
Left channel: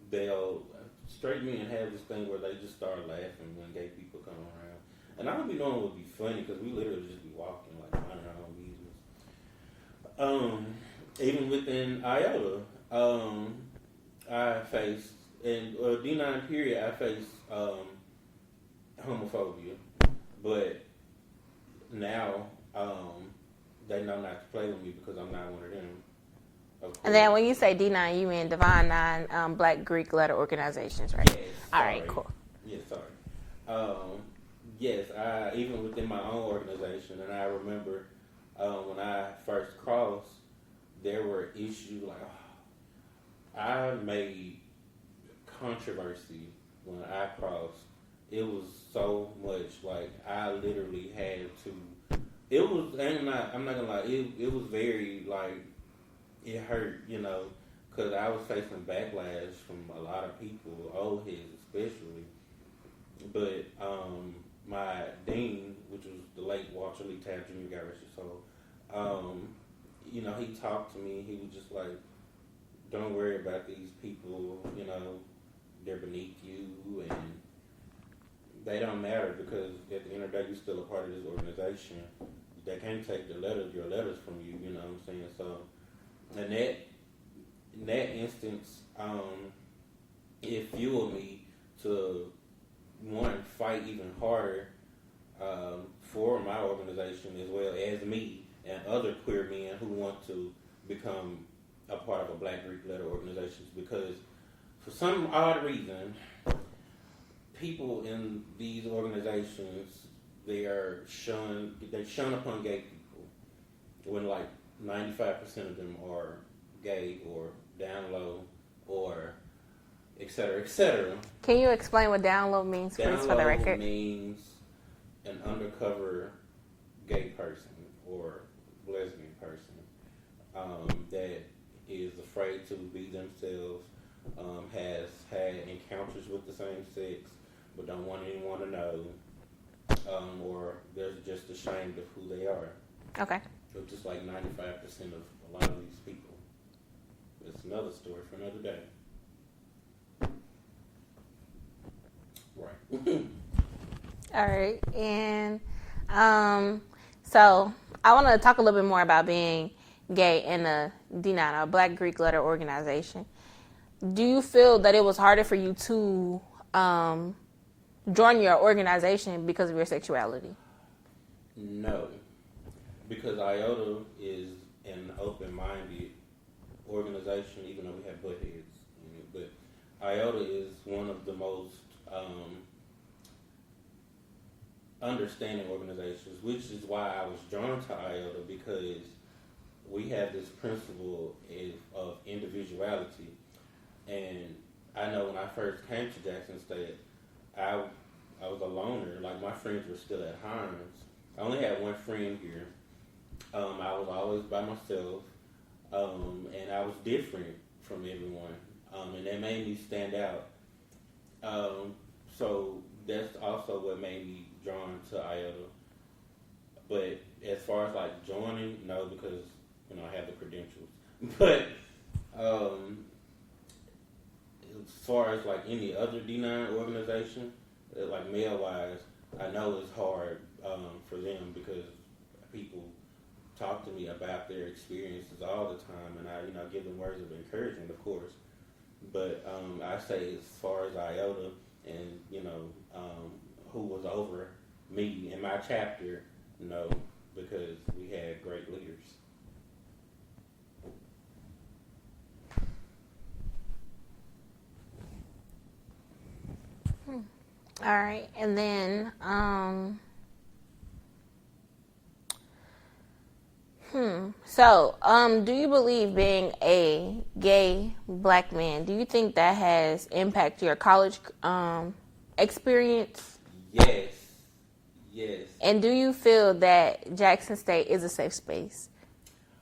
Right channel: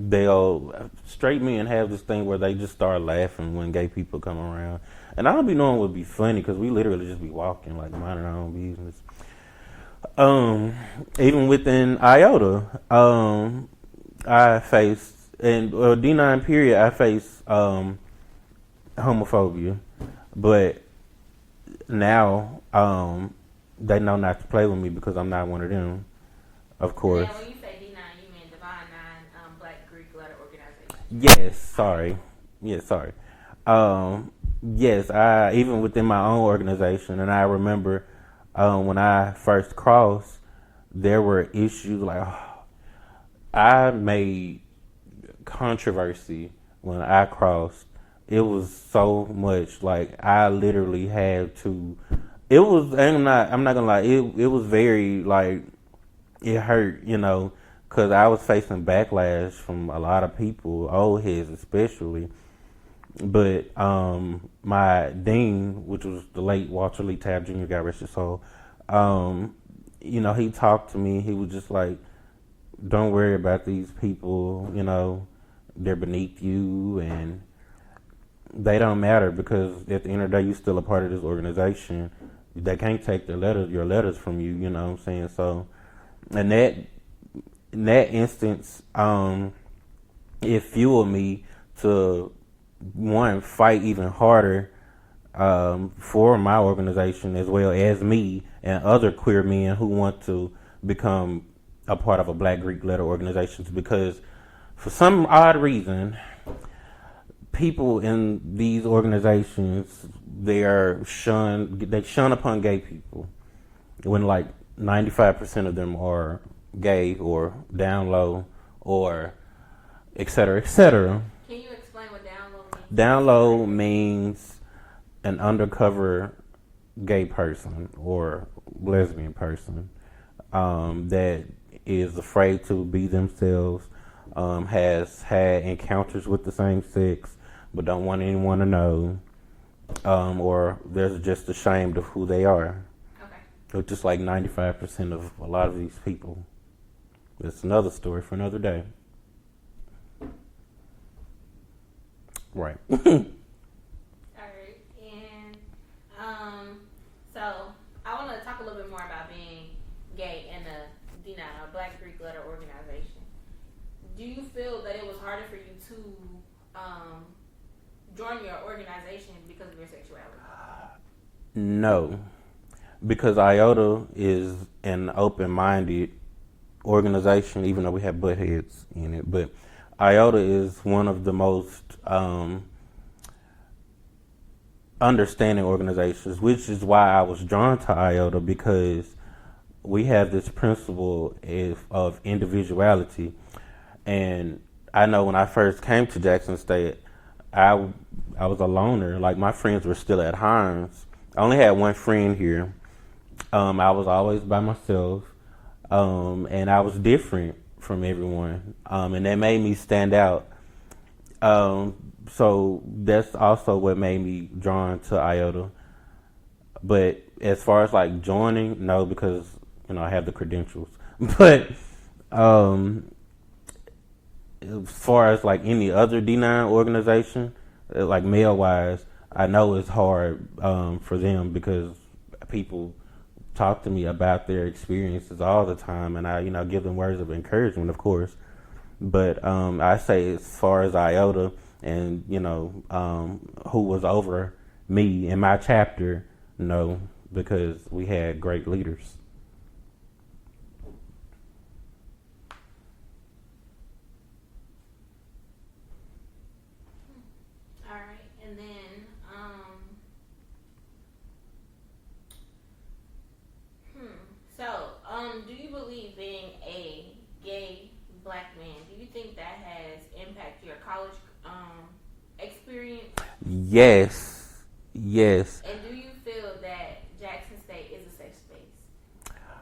They'll straight men have this thing where they just start laughing when gay people come around, and I don't be knowing what would be funny because we literally just be walking like minding our own business. Even within IOTA, I faced D9 period. I faced homophobia, but now they know not to play with me because I'm not one of them. Of course. And then when you say D9, you mean Divine Nine Black Greek Letter Organizations, right? Yes, sorry. All right, cool. Yes, sorry. Yes, I even within my own organization, and I remember when I first crossed, there were issues like I made controversy when I crossed. It was so much like I literally had to. It was. I'm not gonna lie. It was very like. It hurt, because I was facing backlash from a lot of people, old heads especially. But my dean, which was the late Walter Lee Tabb Jr., God rest his soul, he talked to me. He was just like, don't worry about these people, they're beneath you and they don't matter because at the end of the day, you're still a part of this organization. They can't take your letters from you, you know what I'm saying? So, in that instance, it fueled me to one fight even harder for my organization as well as me and other queer men who want to become a part of a Black Greek letter organization, because for some odd reason, people in these organizations they shun upon gay people when like 95% of them are gay or down low or et cetera, et cetera. Can you explain what down low means? Down low means an undercover gay person or lesbian person that is afraid to be themselves, has had encounters with the same sex, but don't want anyone to know, or they're just ashamed of who they are. Okay. Which is like 95% of a lot of these people. It's another story for another day. Right. All right. And so I want to talk a little bit more about being gay in a D9, a Black Greek letter organization. Do you feel that it was harder for you to join your organization because of your sexuality? No, because IOTA is an open-minded organization, even though we have butt heads in it. But IOTA is one of the most understanding organizations, which is why I was drawn to IOTA, because we have this principle of individuality. And I know when I first came to Jackson State, I was a loner. Like, my friends were still at Hines. I only had one friend here. I was always by myself, and I was different from everyone, and that made me stand out. So that's also what made me drawn to IOTA. But as far as like joining, no, because I have the credentials. But as far as like any other D9 organization, like male wise, I know it's hard for them, because people talk to me about their experiences all the time, and I give them words of encouragement, of course. But I say, as far as IOTA and who was over me in my chapter, no, because we had great leaders. All right. And then so do you believe being a gay Black man, do you think that has impacted your college experience? Yes. And do you feel that Jackson State is a safe space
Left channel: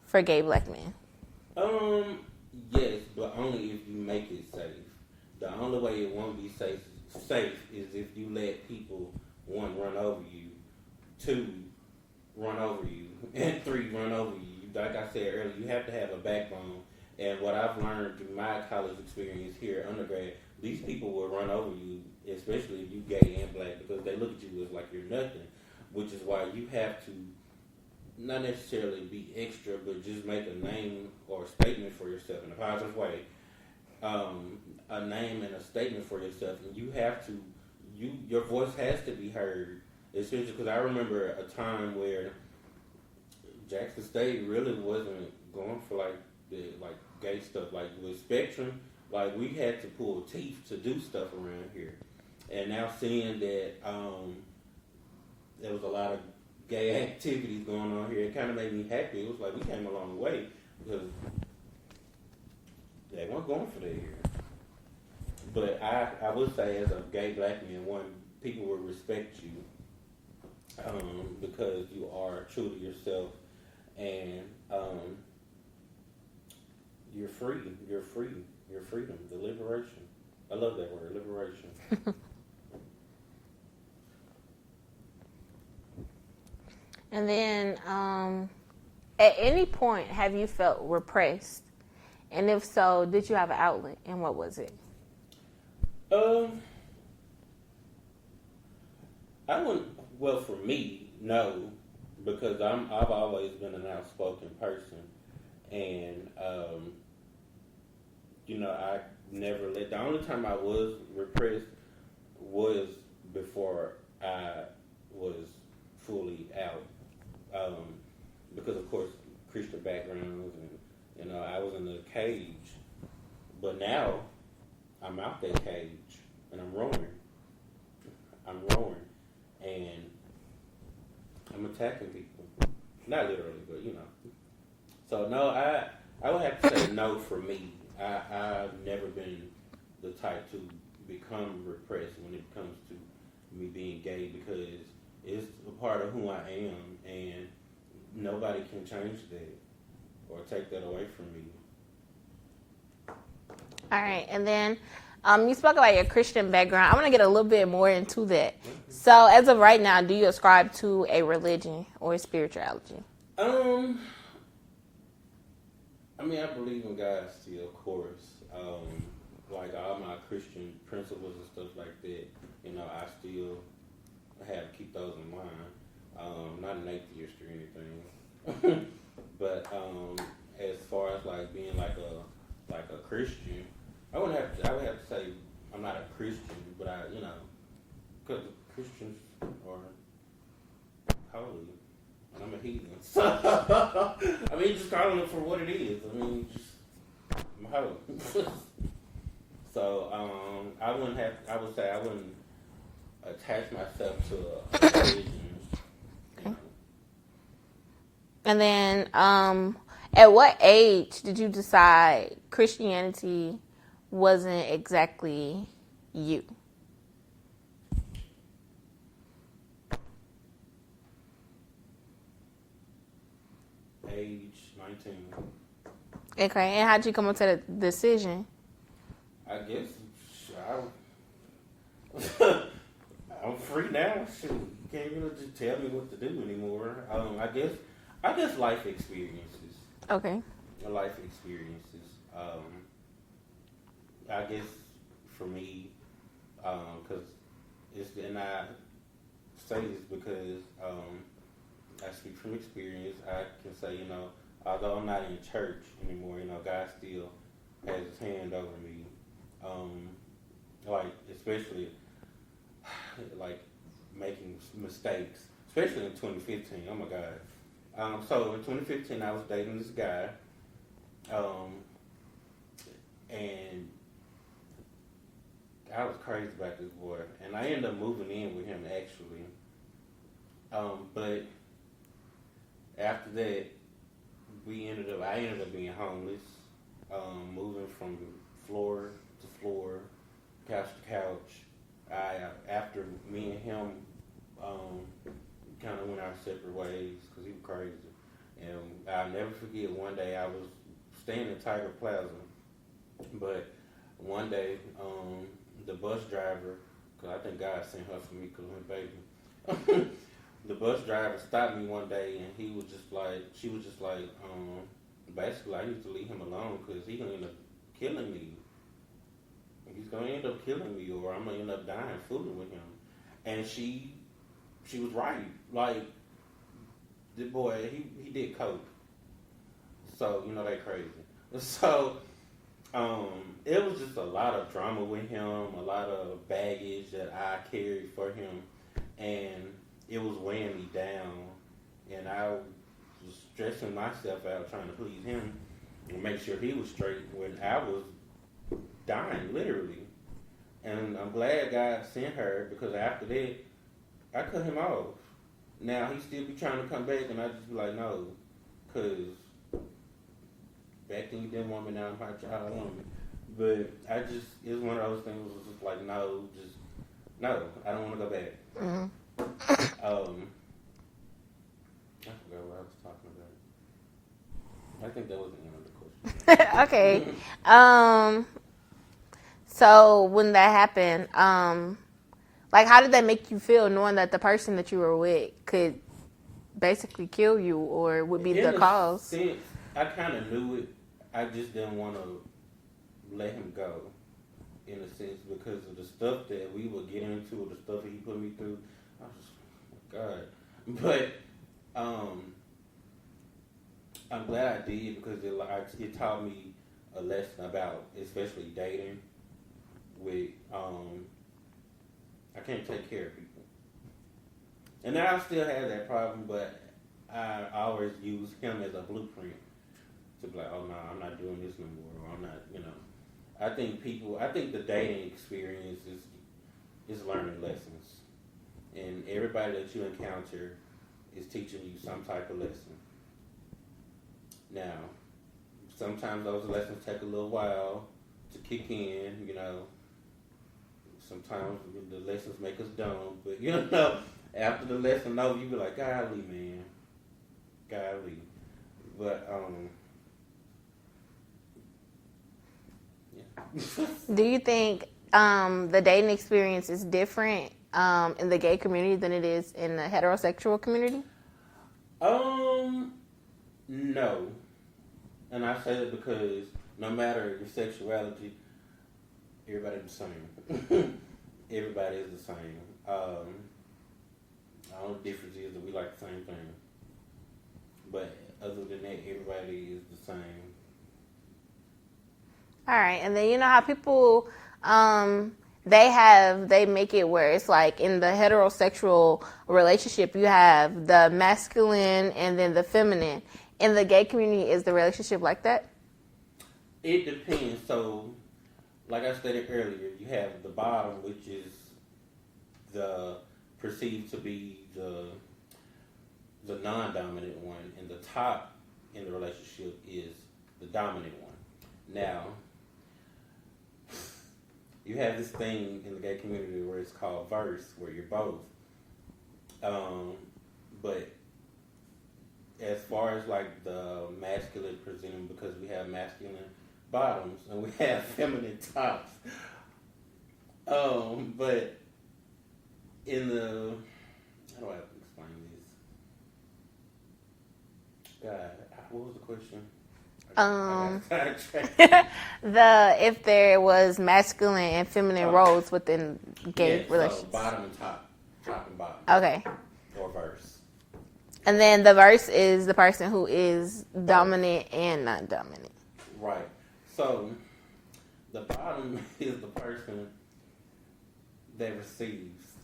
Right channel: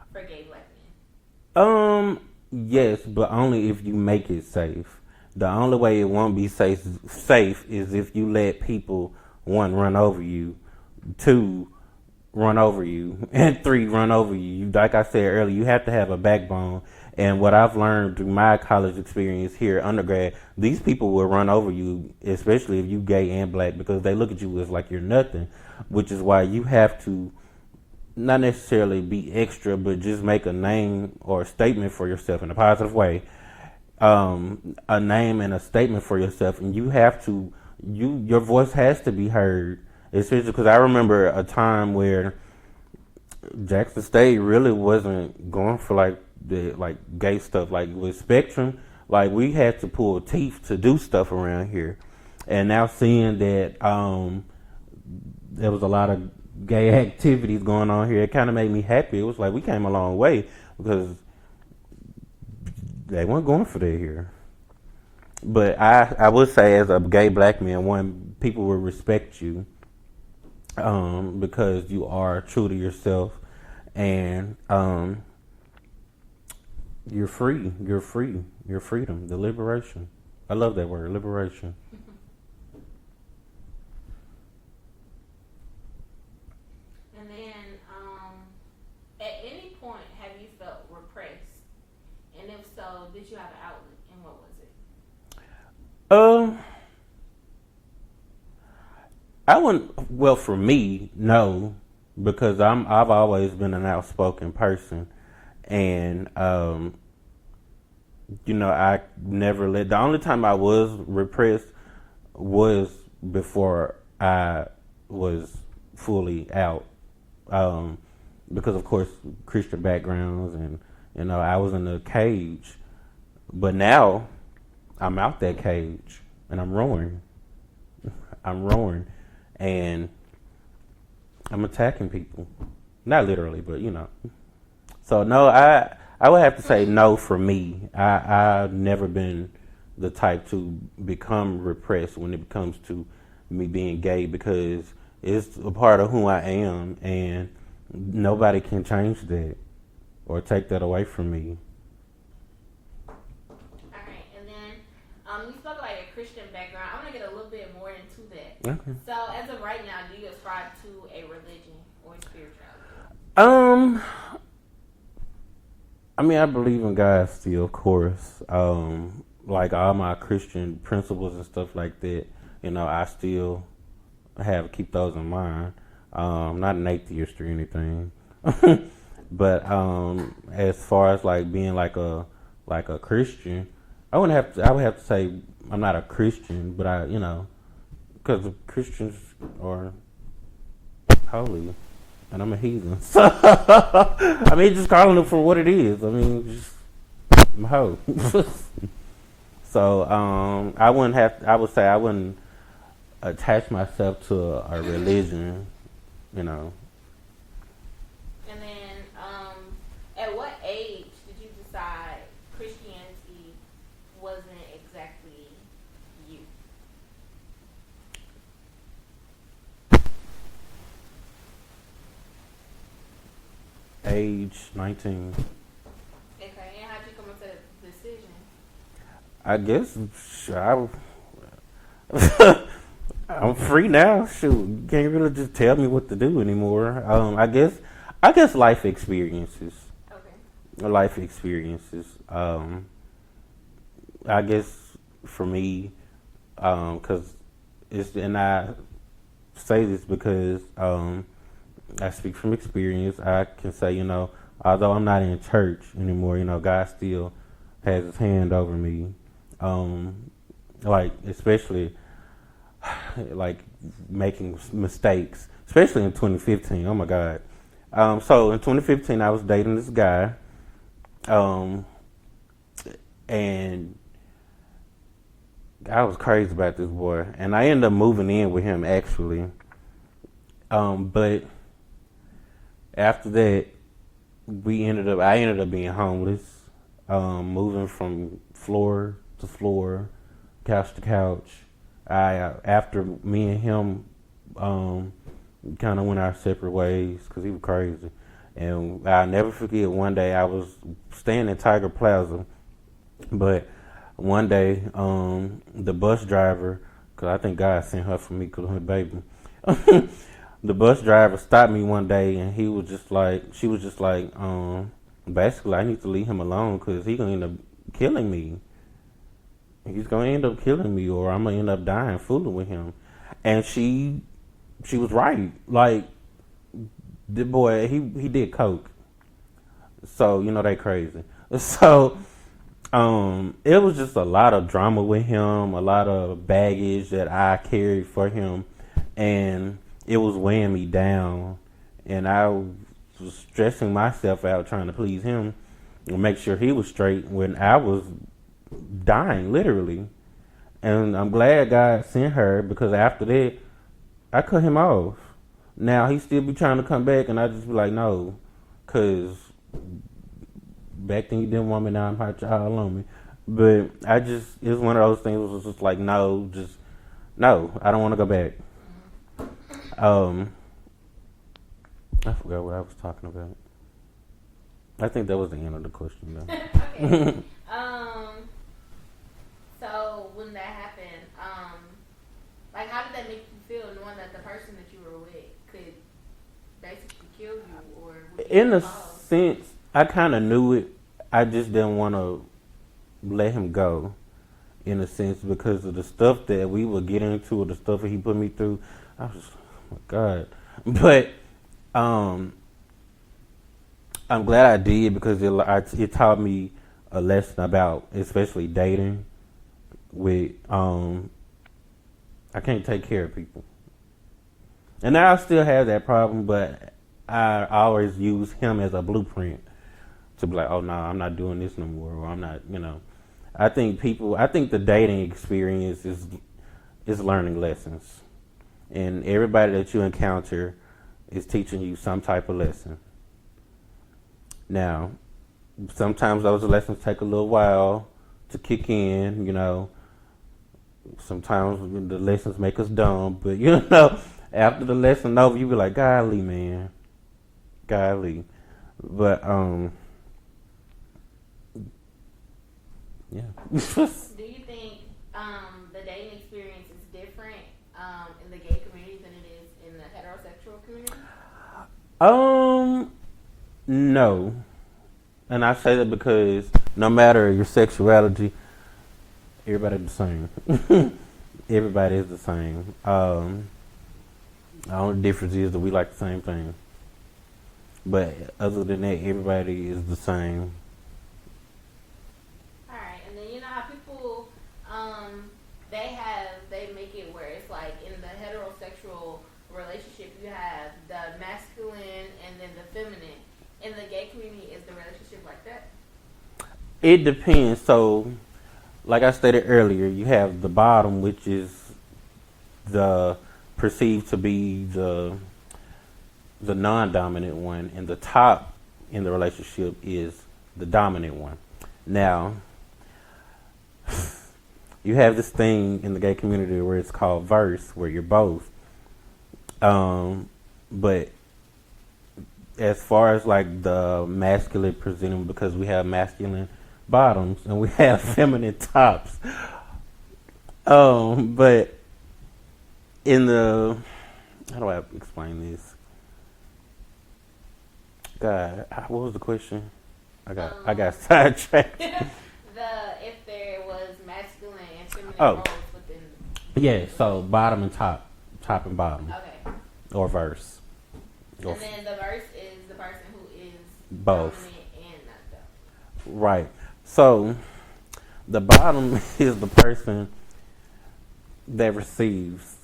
for gay Black men? Yes, but only if you make it safe. The only way it won't be safe is if you let people, one, run over you, two, run over you, and three, run over you. Like I said earlier, you have to have a backbone. And what I've learned through my college experience here, undergrad, these people will run over you, especially if you gay and Black, because they look at you as like you're nothing, which is why you have to not necessarily be extra, but just make a name or a statement for yourself in a positive way. A name and a statement for yourself, and you have to, your voice has to be heard. Especially because I remember a time where Jackson State really wasn't going for like the gay stuff. Like with Spectrum, like we had to pull teeth to do stuff around here. And now seeing that there was a lot of gay activities going on here, it kind of made me happy. It was like we came a long way, because they weren't going for that here. But I would say, as a gay Black man, one, people will respect you because you are true to yourself, and you're free. You're free. Your freedom, the liberation. I love that word, liberation. And then at any point, have you felt repressed? And if so, did you have an outlet, and what was it? I wouldn't. Well, for me, no, because I've always been an outspoken person, and I never let. The only time I was repressed was before I was fully out, because of course Christian backgrounds, and I was in a cage, but now I'm out that cage and I'm roaring. And I'm attacking people. Not literally, but So no, I would have to say no for me. I've never been the type to become repressed when it comes to me being gay, because it's a part of who I am, and nobody can change that or take that away from me. All right, and then you spoke about your Christian background. I want to get a little bit more into that. Okay. So, as of right now, do you ascribe to a religion or spirituality? I mean, I believe in God still, of course. Like all my Christian principles and stuff like that, I still have keep those in mind. Not an atheist or anything, but as far as like being like a Christian, I wouldn't have to. I would have to say I'm not a Christian, but because Christians are holy, and I'm a heathen. So I mean, just calling it for what it is. I mean, just I'm a hoe. So I wouldn't have. I would say I wouldn't attach myself to a religion. And then, at what age did you decide Christianity wasn't exactly you? Age 19. Okay, and how'd you come up to the decision? I guess I'm free now. Shoot, you can't really just tell me what to do anymore. I guess life experiences. Okay. Life experiences. I guess for me, because and I say this because I speak from experience. I can say, although I'm not in church anymore, God still has His hand over me. Like especially like making mistakes, especially in 2015. Oh my God. So in 2015, I was dating this guy, and I was crazy about this boy, and I ended up moving in with him actually. But after that, I ended up being homeless, moving from floor to floor, couch to couch. After me and him kind of went our separate ways because he was crazy. And I'll never forget one day I was staying in Tiger Plaza, but one day the bus driver, because I think God sent her for me because of her baby, the bus driver stopped me one day and she was just like, basically I need to leave him alone because he's going to end up killing me. He's going to end up killing me or I'm going to end up dying fooling with him. And she was right. Like, the boy, he did coke. So, they crazy. So, it was just a lot of drama with him, a lot of baggage that I carried for him. And it was weighing me down. And I was stressing myself out trying to please him and make sure he was straight when I was dying, literally. And I'm glad God sent her because after that, I cut him off. Now, he still be trying to come back, and I just be like, no. Because back then you didn't want me, now I'm hot child on me. But it's one of those things where it was just like, no, I don't want to go back. Mm-hmm. I forgot what I was talking about. I think that was the end of the question. Okay. So when that happened, like, how did that make you feel knowing that the person that you were with could basically kill you or would be the cause? In a sense, I kind of knew it. I just didn't want to let him go, in a sense, because of the stuff that we would get into or the stuff that he put me through. I was just, oh my God. But I'm glad I did because it taught me a lesson about, especially dating with, I can't take care of people. And now I still have that problem, but I always use him as a blueprint to be like, oh no, I'm not doing this no more, or I'm not, I think the dating experience is learning lessons. And everybody that you encounter is teaching you some type of lesson. Now, sometimes those lessons take a little while to kick in, Sometimes the lessons make us dumb, but after the lesson over, you be like, golly, man. Golly. But, Yeah. Do you think the dating experience is different in the gay community than it is in the heterosexual community? No. And I say that because no matter your sexuality, everybody's the same. Everybody is the same. The only difference is that we like the same thing. But other than that, everybody is the same. All right, and then you know how people they make it where it's like in the heterosexual relationship you have the masculine and then the feminine. In the gay community, is the relationship like that? It depends. So, like I stated earlier, you have the bottom, which is the perceived to be the non-dominant one, and the top in the relationship is the dominant one. Now, you have this thing in the gay community where it's called verse, where you're both. But as far as like the masculine presenting, because we have masculine bottoms and we have feminine tops. But in the, how do I explain this? God, what was the question? I got sidetracked. If there was masculine and feminine roles within gay relationships. So bottom and top and bottom. Okay. Or verse. And then the verse is the person who is Both. dominant and not dominant. Right. So the bottom is the person that receives,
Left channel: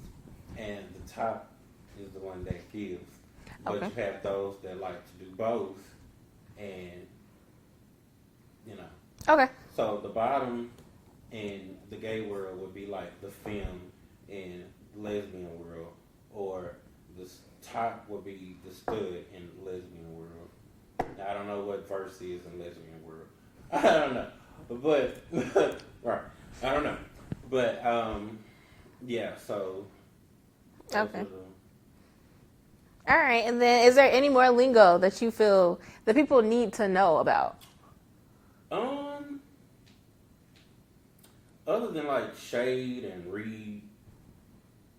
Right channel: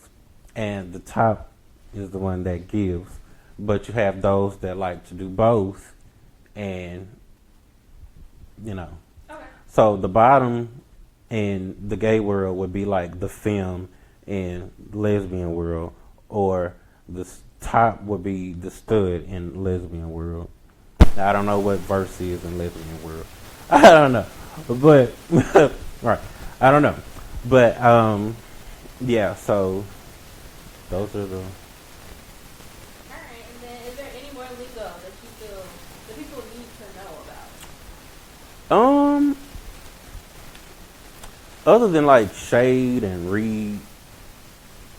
and the top is the one that gives. But you have those that like to do both, and you know. Okay. So the bottom in the gay world would be like the femme in lesbian world, or the top would be the stud in lesbian world. I don't know what verse is in lesbian world. I don't know, but right, I don't know, but yeah. So those are the. All right, and then is there any more lingo that you feel that people need to know about? Other than like shade and read,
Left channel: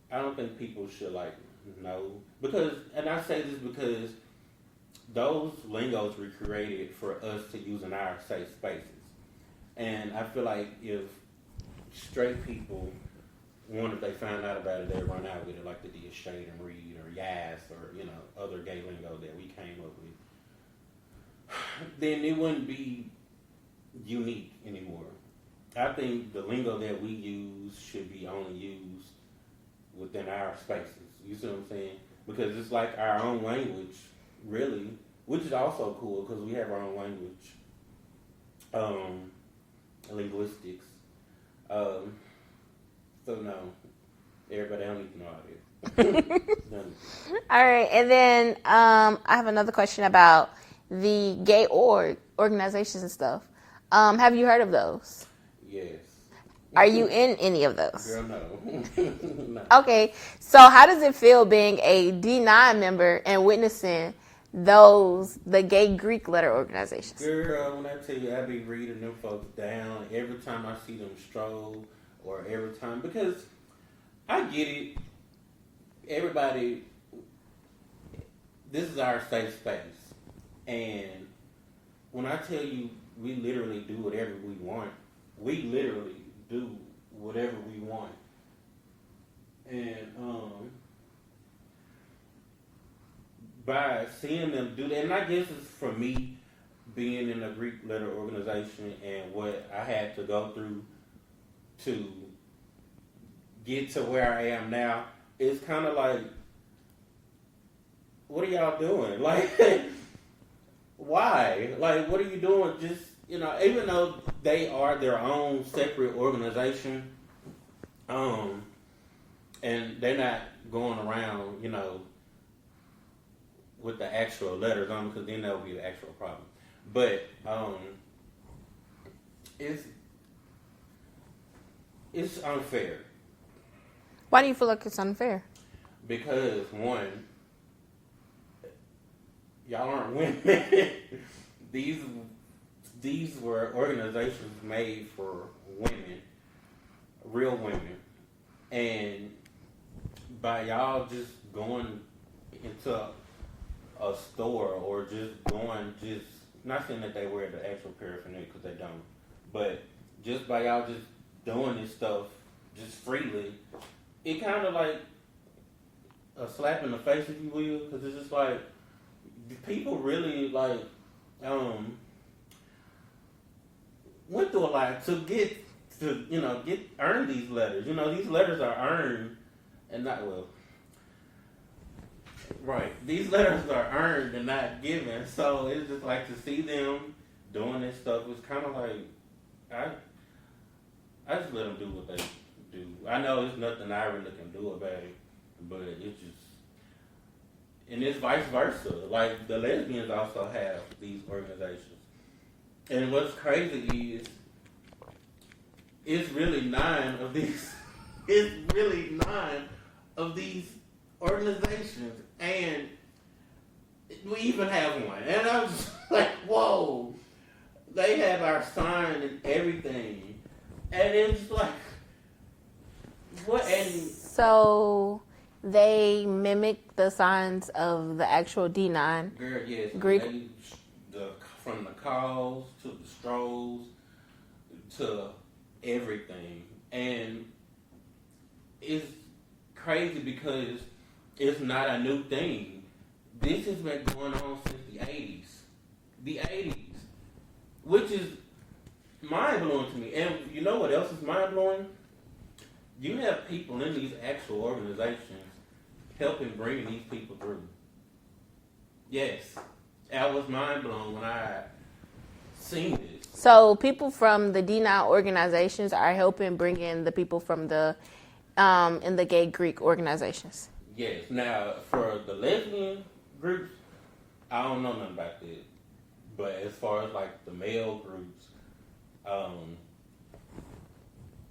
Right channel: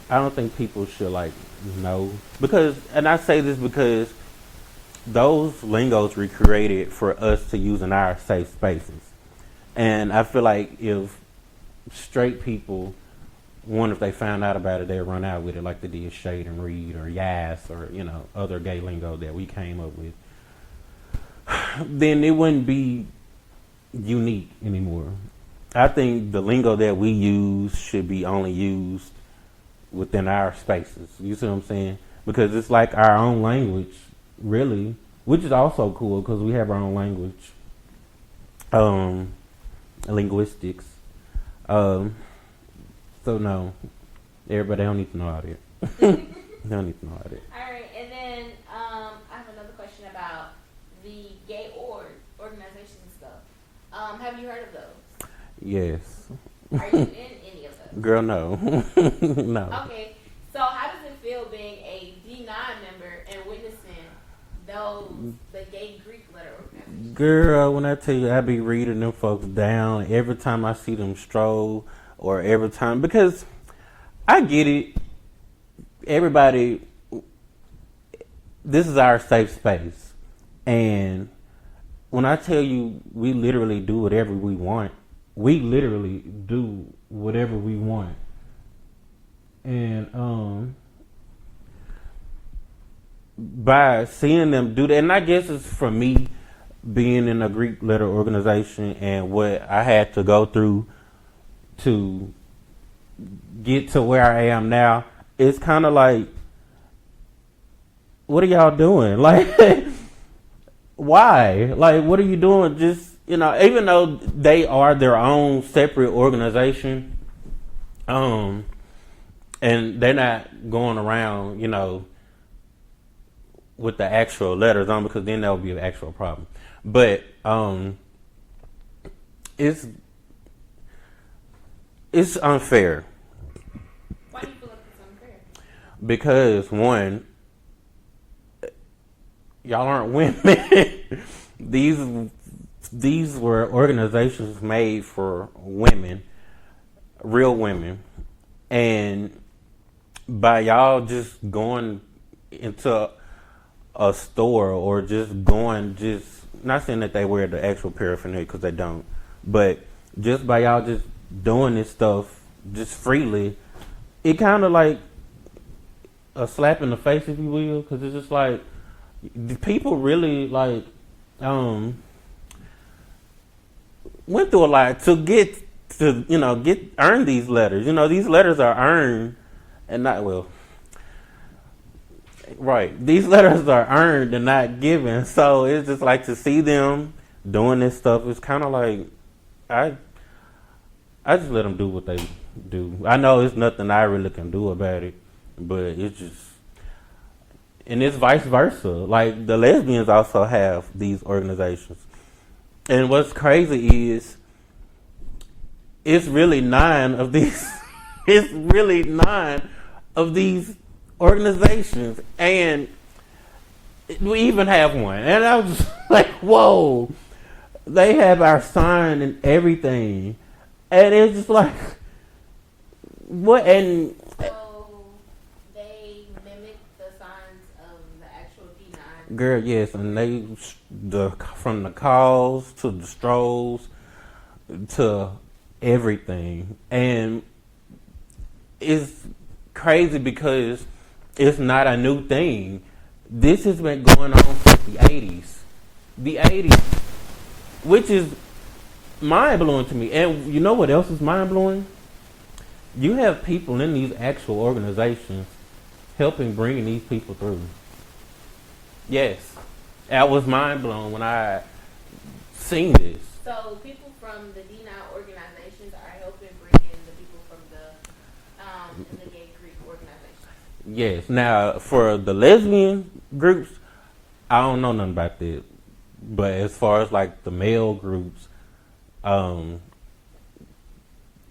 I don't think people should like know, because, and I say this because those lingos were created for us to use in our safe spaces, and I feel like if straight people, if they found out about it, they'd run out with it like they did shade and read or yas or other gay lingo that we came up with. Then it wouldn't be unique anymore. I think the lingo that we use should be only used within our spaces. You see what I'm saying? Because it's like our own language, really, which is also cool because we have our own language, linguistics. So no, everybody don't need to know all that. They don't need to know all that. All right, and then I have another question about the gay organizations and stuff. Have you heard of those? Yes. Are you in any of those? Girl, no. No. Okay, so how does it feel being a D9 member and witnessing the gay Greek letter organizations? Girl, when I tell you, I be reading them folks down every time I see them stroll, or every time, because I get it. Everybody, this is our safe space, and when I tell you, we literally do whatever we want. We literally do whatever we want. And by seeing them do that, and I guess it's for me being in a Greek letter organization and what I had to go through to get to where I am now, it's kind of like, what are y'all doing? Like, why? Like, what are you doing? Just, even though they are their own separate organization, and they're not going around, with the actual letters on, because then that would be an actual problem. But it's unfair. Why do you feel like it's unfair? Because one, y'all aren't women. These these were organizations made for women, real women, and by y'all just going into a store or just going, just not saying that they wear the actual paraphernalia because they don't, but just by y'all just doing this stuff just freely, it kind of like a slap in the face, if you will, because it's just like the people really like went through a lot to get to earn these letters. These letters are earned and not well. Right. These letters are earned and not given. So it's just like to see them doing this stuff. It's kind of like I just let them do what they do. I know it's nothing I really can do about it, but it's just, and it's vice versa. Like the lesbians also have these organizations, and what's crazy is it's really 9 of these. It's really 9 of these organizations, and we even have one. And I was like, whoa, they have our sign and everything. And it's just like, what? And so they mimic the signs of the actual D9. girl, yes, and they from the calls to the strolls to everything, and it's crazy because it's not a new thing. This has been going on since the 80s, which is mind blowing to me. And you know what else is mind blowing? You have people in these actual organizations helping bringing these people through. Yes, that was mind blown when I seen this. So people from the D9 organizations are helping bring in the people from the in the gay Greek organizations. Yes. Now for the lesbian groups, I don't know nothing about that. But as far as like the male groups,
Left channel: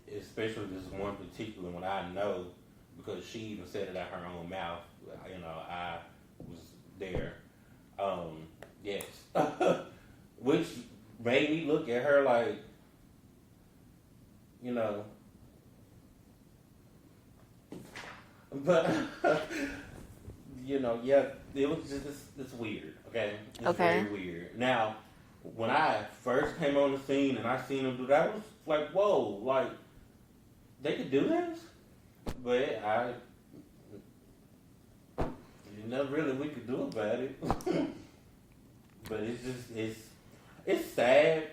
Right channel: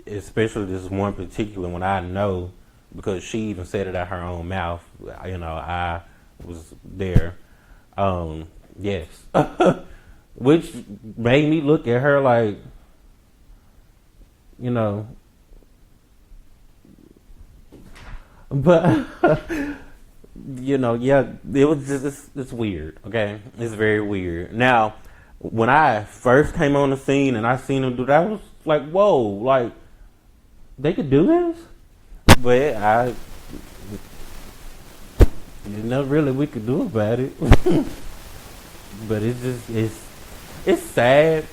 especially this one particular one, I know because she even said it out her own mouth. I was there. Yes, which made me look at her like, but yeah, it was just it's weird. Okay, it's very weird. Now, when I first came on the scene and I seen them do that, I was like, whoa, like they could do this, but there's nothing really we could do about it. But it's just it's sad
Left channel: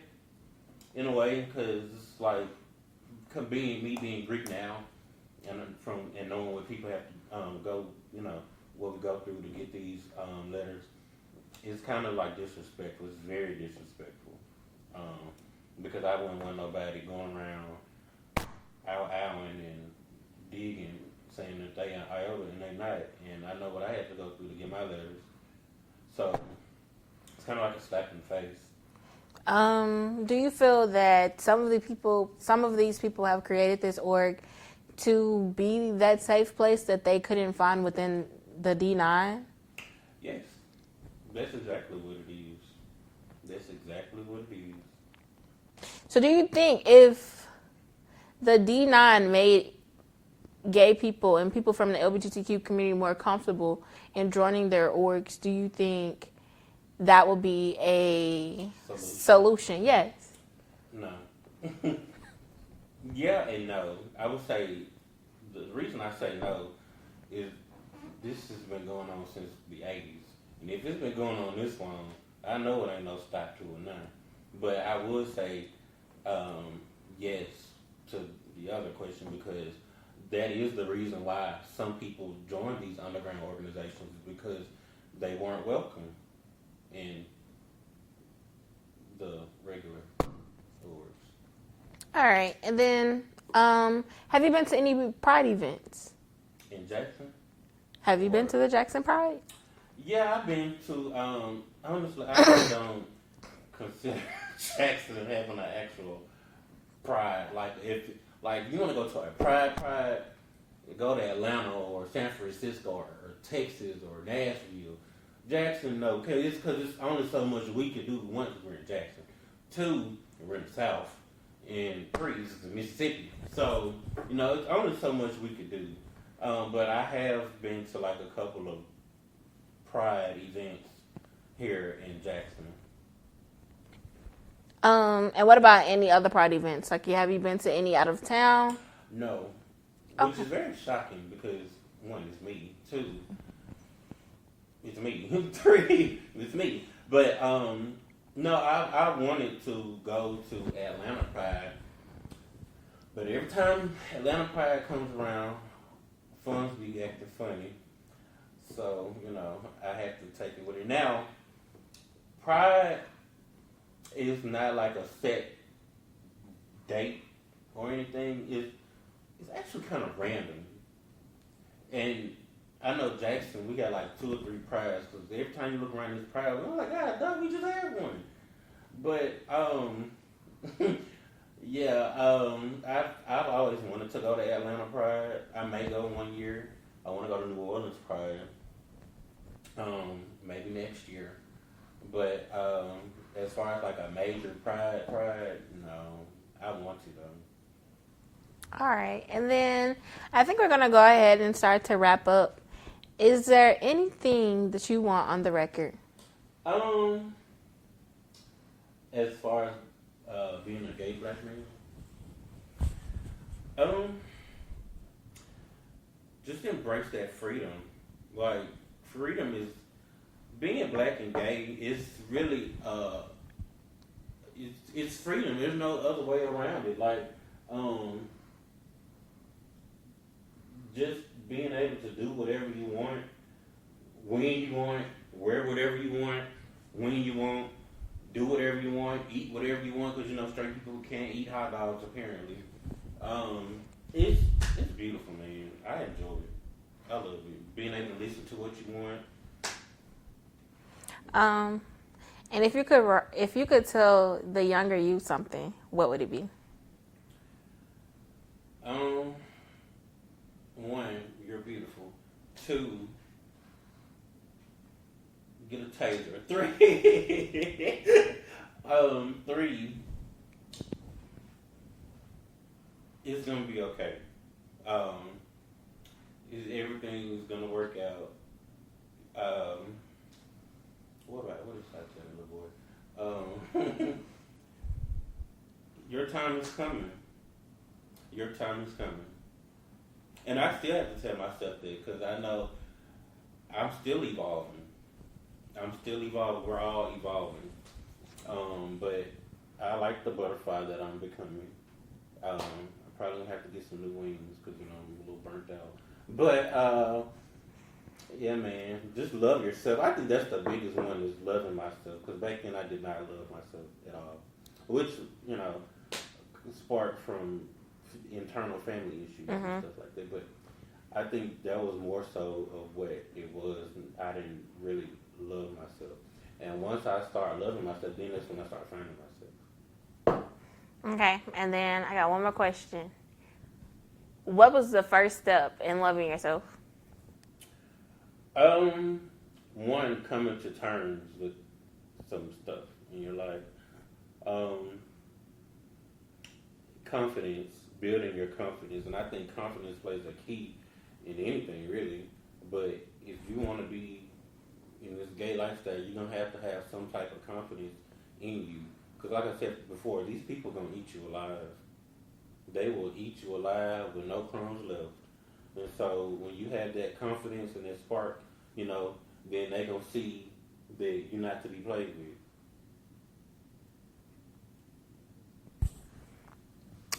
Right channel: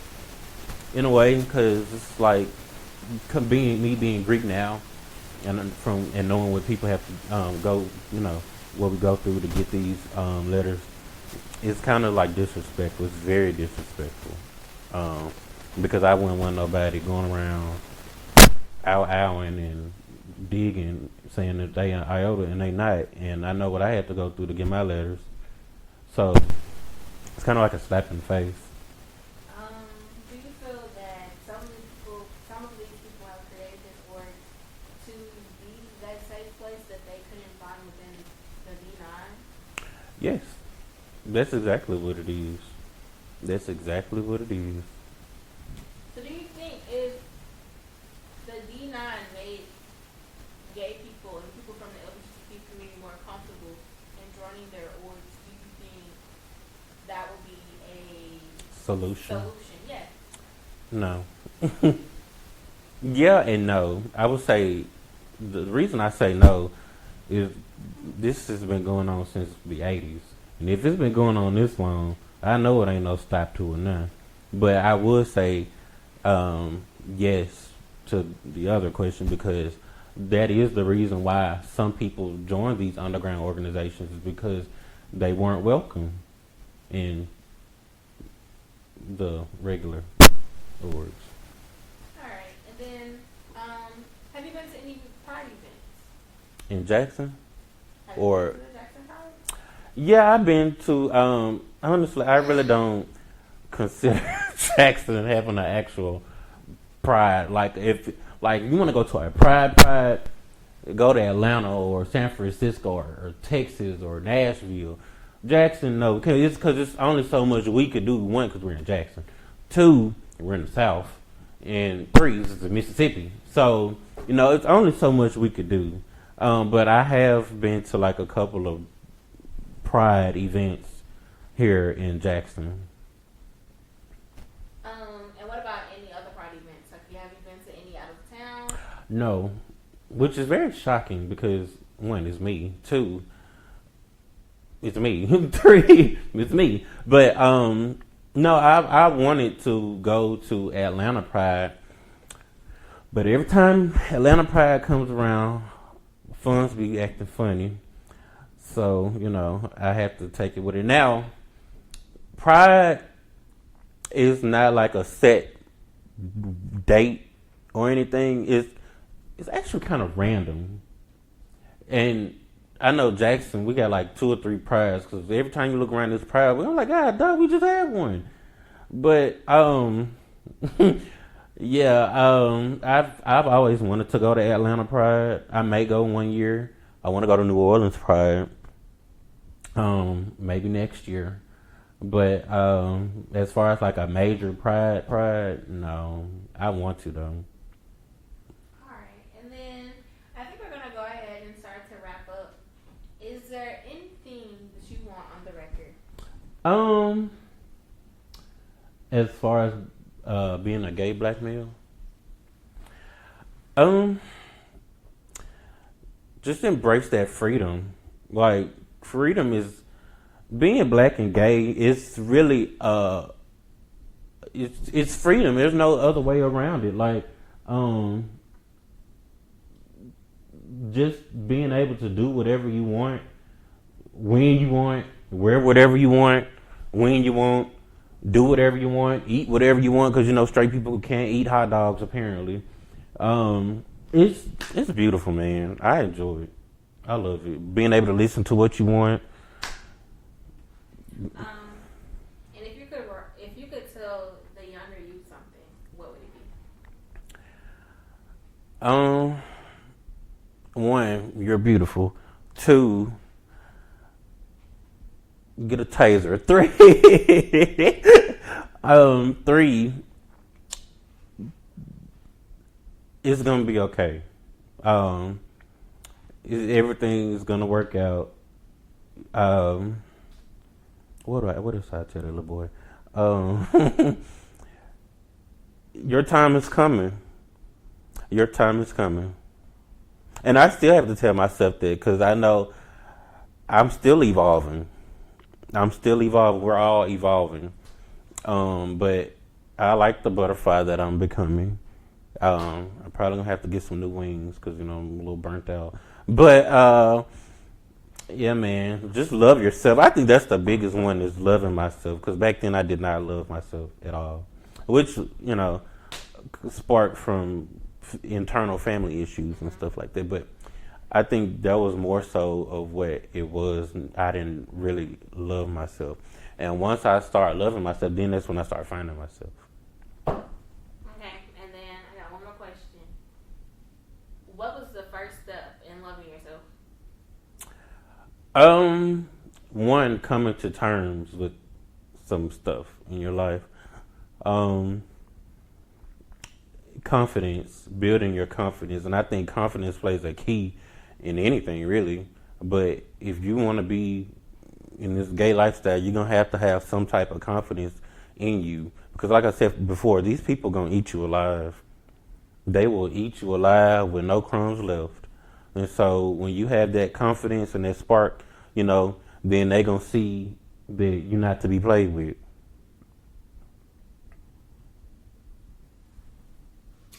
in a way because it's like being Greek now, and knowing what people have to go, what we go through to get these letters. It's kind of like disrespectful. It's very disrespectful because I wouldn't want nobody going around owing and digging, saying that they an iota and they not. And I know what I had to go through to get my letters. So it's kind of like a slap in the face. Do you feel that some of these people have created this org to be that safe place that they couldn't find within the D9? Yes. That's exactly what it is. That's exactly what it is. So do you think if the D9 made gay people and people from the LGBTQ community more comfortable in joining their orgs, do you think that would be a solution? Yes. No. Yeah and no. I would say the reason I say no is this has been going on since the 80s. And if it's been going on this long, I know it ain't no stop to it now. But I would say yes to the other question because that is the reason why some people join these underground organizations is because they weren't welcome in the regular orgs. All right. And then have you been to any Pride events? In Jackson? Have you been to the Jackson Pride? Yeah, I've been to, honestly, I really don't consider Jackson having an actual Pride. Like, if you want to go to a Pride, go to Atlanta or San Francisco or Texas or Nashville. Jackson, no, because it's only so much we could do. One, because we're in Jackson. 2, we're in the South, and 3 is the Mississippi. So it's only so much we could do. But I have been to like a couple of Pride events here in Jackson. And what about any other Pride events? Like, have you been to any out of town? No, which is very shocking because 1, it's me. 2, it's me. 3, it's me. But no, I wanted to go to Atlanta Pride, but every time Atlanta Pride comes around, funds be acting funny. So I have to take it with it. Now, Pride is not like a set date or anything. It's actually kind of random. And I know Jackson, we got like 2 or 3 prides because every time you look around this pride, we're like, God, dog, we just had one. But yeah, I've always wanted to go to Atlanta Pride. I may go one year. I want to go to New Orleans Pride. Maybe next year. But as far as like a major pride, no. I want to though. All right, and then I think we're gonna go ahead and start to wrap up. Is there anything that you want on the record? As far as being a gay black male, just embrace that freedom. Like, freedom is being black and gay. It's really it's freedom. There's no other way around it. Like, just being able to do whatever you want, when you want, wear whatever you want, when you want, do whatever you want, eat whatever you want, because straight people can't eat hot dogs apparently. It's beautiful, man. I enjoy it. I love it. Being able to listen to what you want. And if you could tell the younger you something, what would it be? 1, you're beautiful. 2, get a taser. 3, 3, it's gonna be okay. Everything is gonna work out. What else I tell the little boy? Your time is coming. Your time is coming. And I still have to tell myself that because I know I'm still evolving. We're all evolving. But I like the butterfly that I'm becoming. I'm probably going to have to get some new wings because, I'm a little burnt out. But, yeah, man, just love yourself. I think that's the biggest one is loving myself because back then I did not love myself at all, which, sparked from internal family issues and stuff like that. But I think that was more so of what it was. I didn't really love myself. And once I start loving myself, then that's when I start finding myself. Okay, and then I got one more question. What was the first step in loving yourself? 1, coming to terms with some stuff in your life. Confidence, building your confidence. And I think confidence plays a key in anything, really. But if you want to be in this gay lifestyle, you're going to have some type of confidence in you. Because like I said before, these people going to eat you alive. They will eat you alive with no crumbs left. And so when you have that confidence and that spark, then they going to see that you're not to be played with.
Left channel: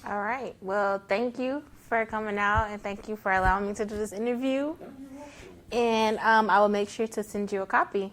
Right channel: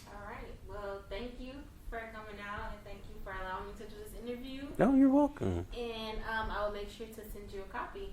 All right. Well, thank you for coming out and thank you for allowing me to do this interview. No, you're welcome. And I will make sure to send you a copy.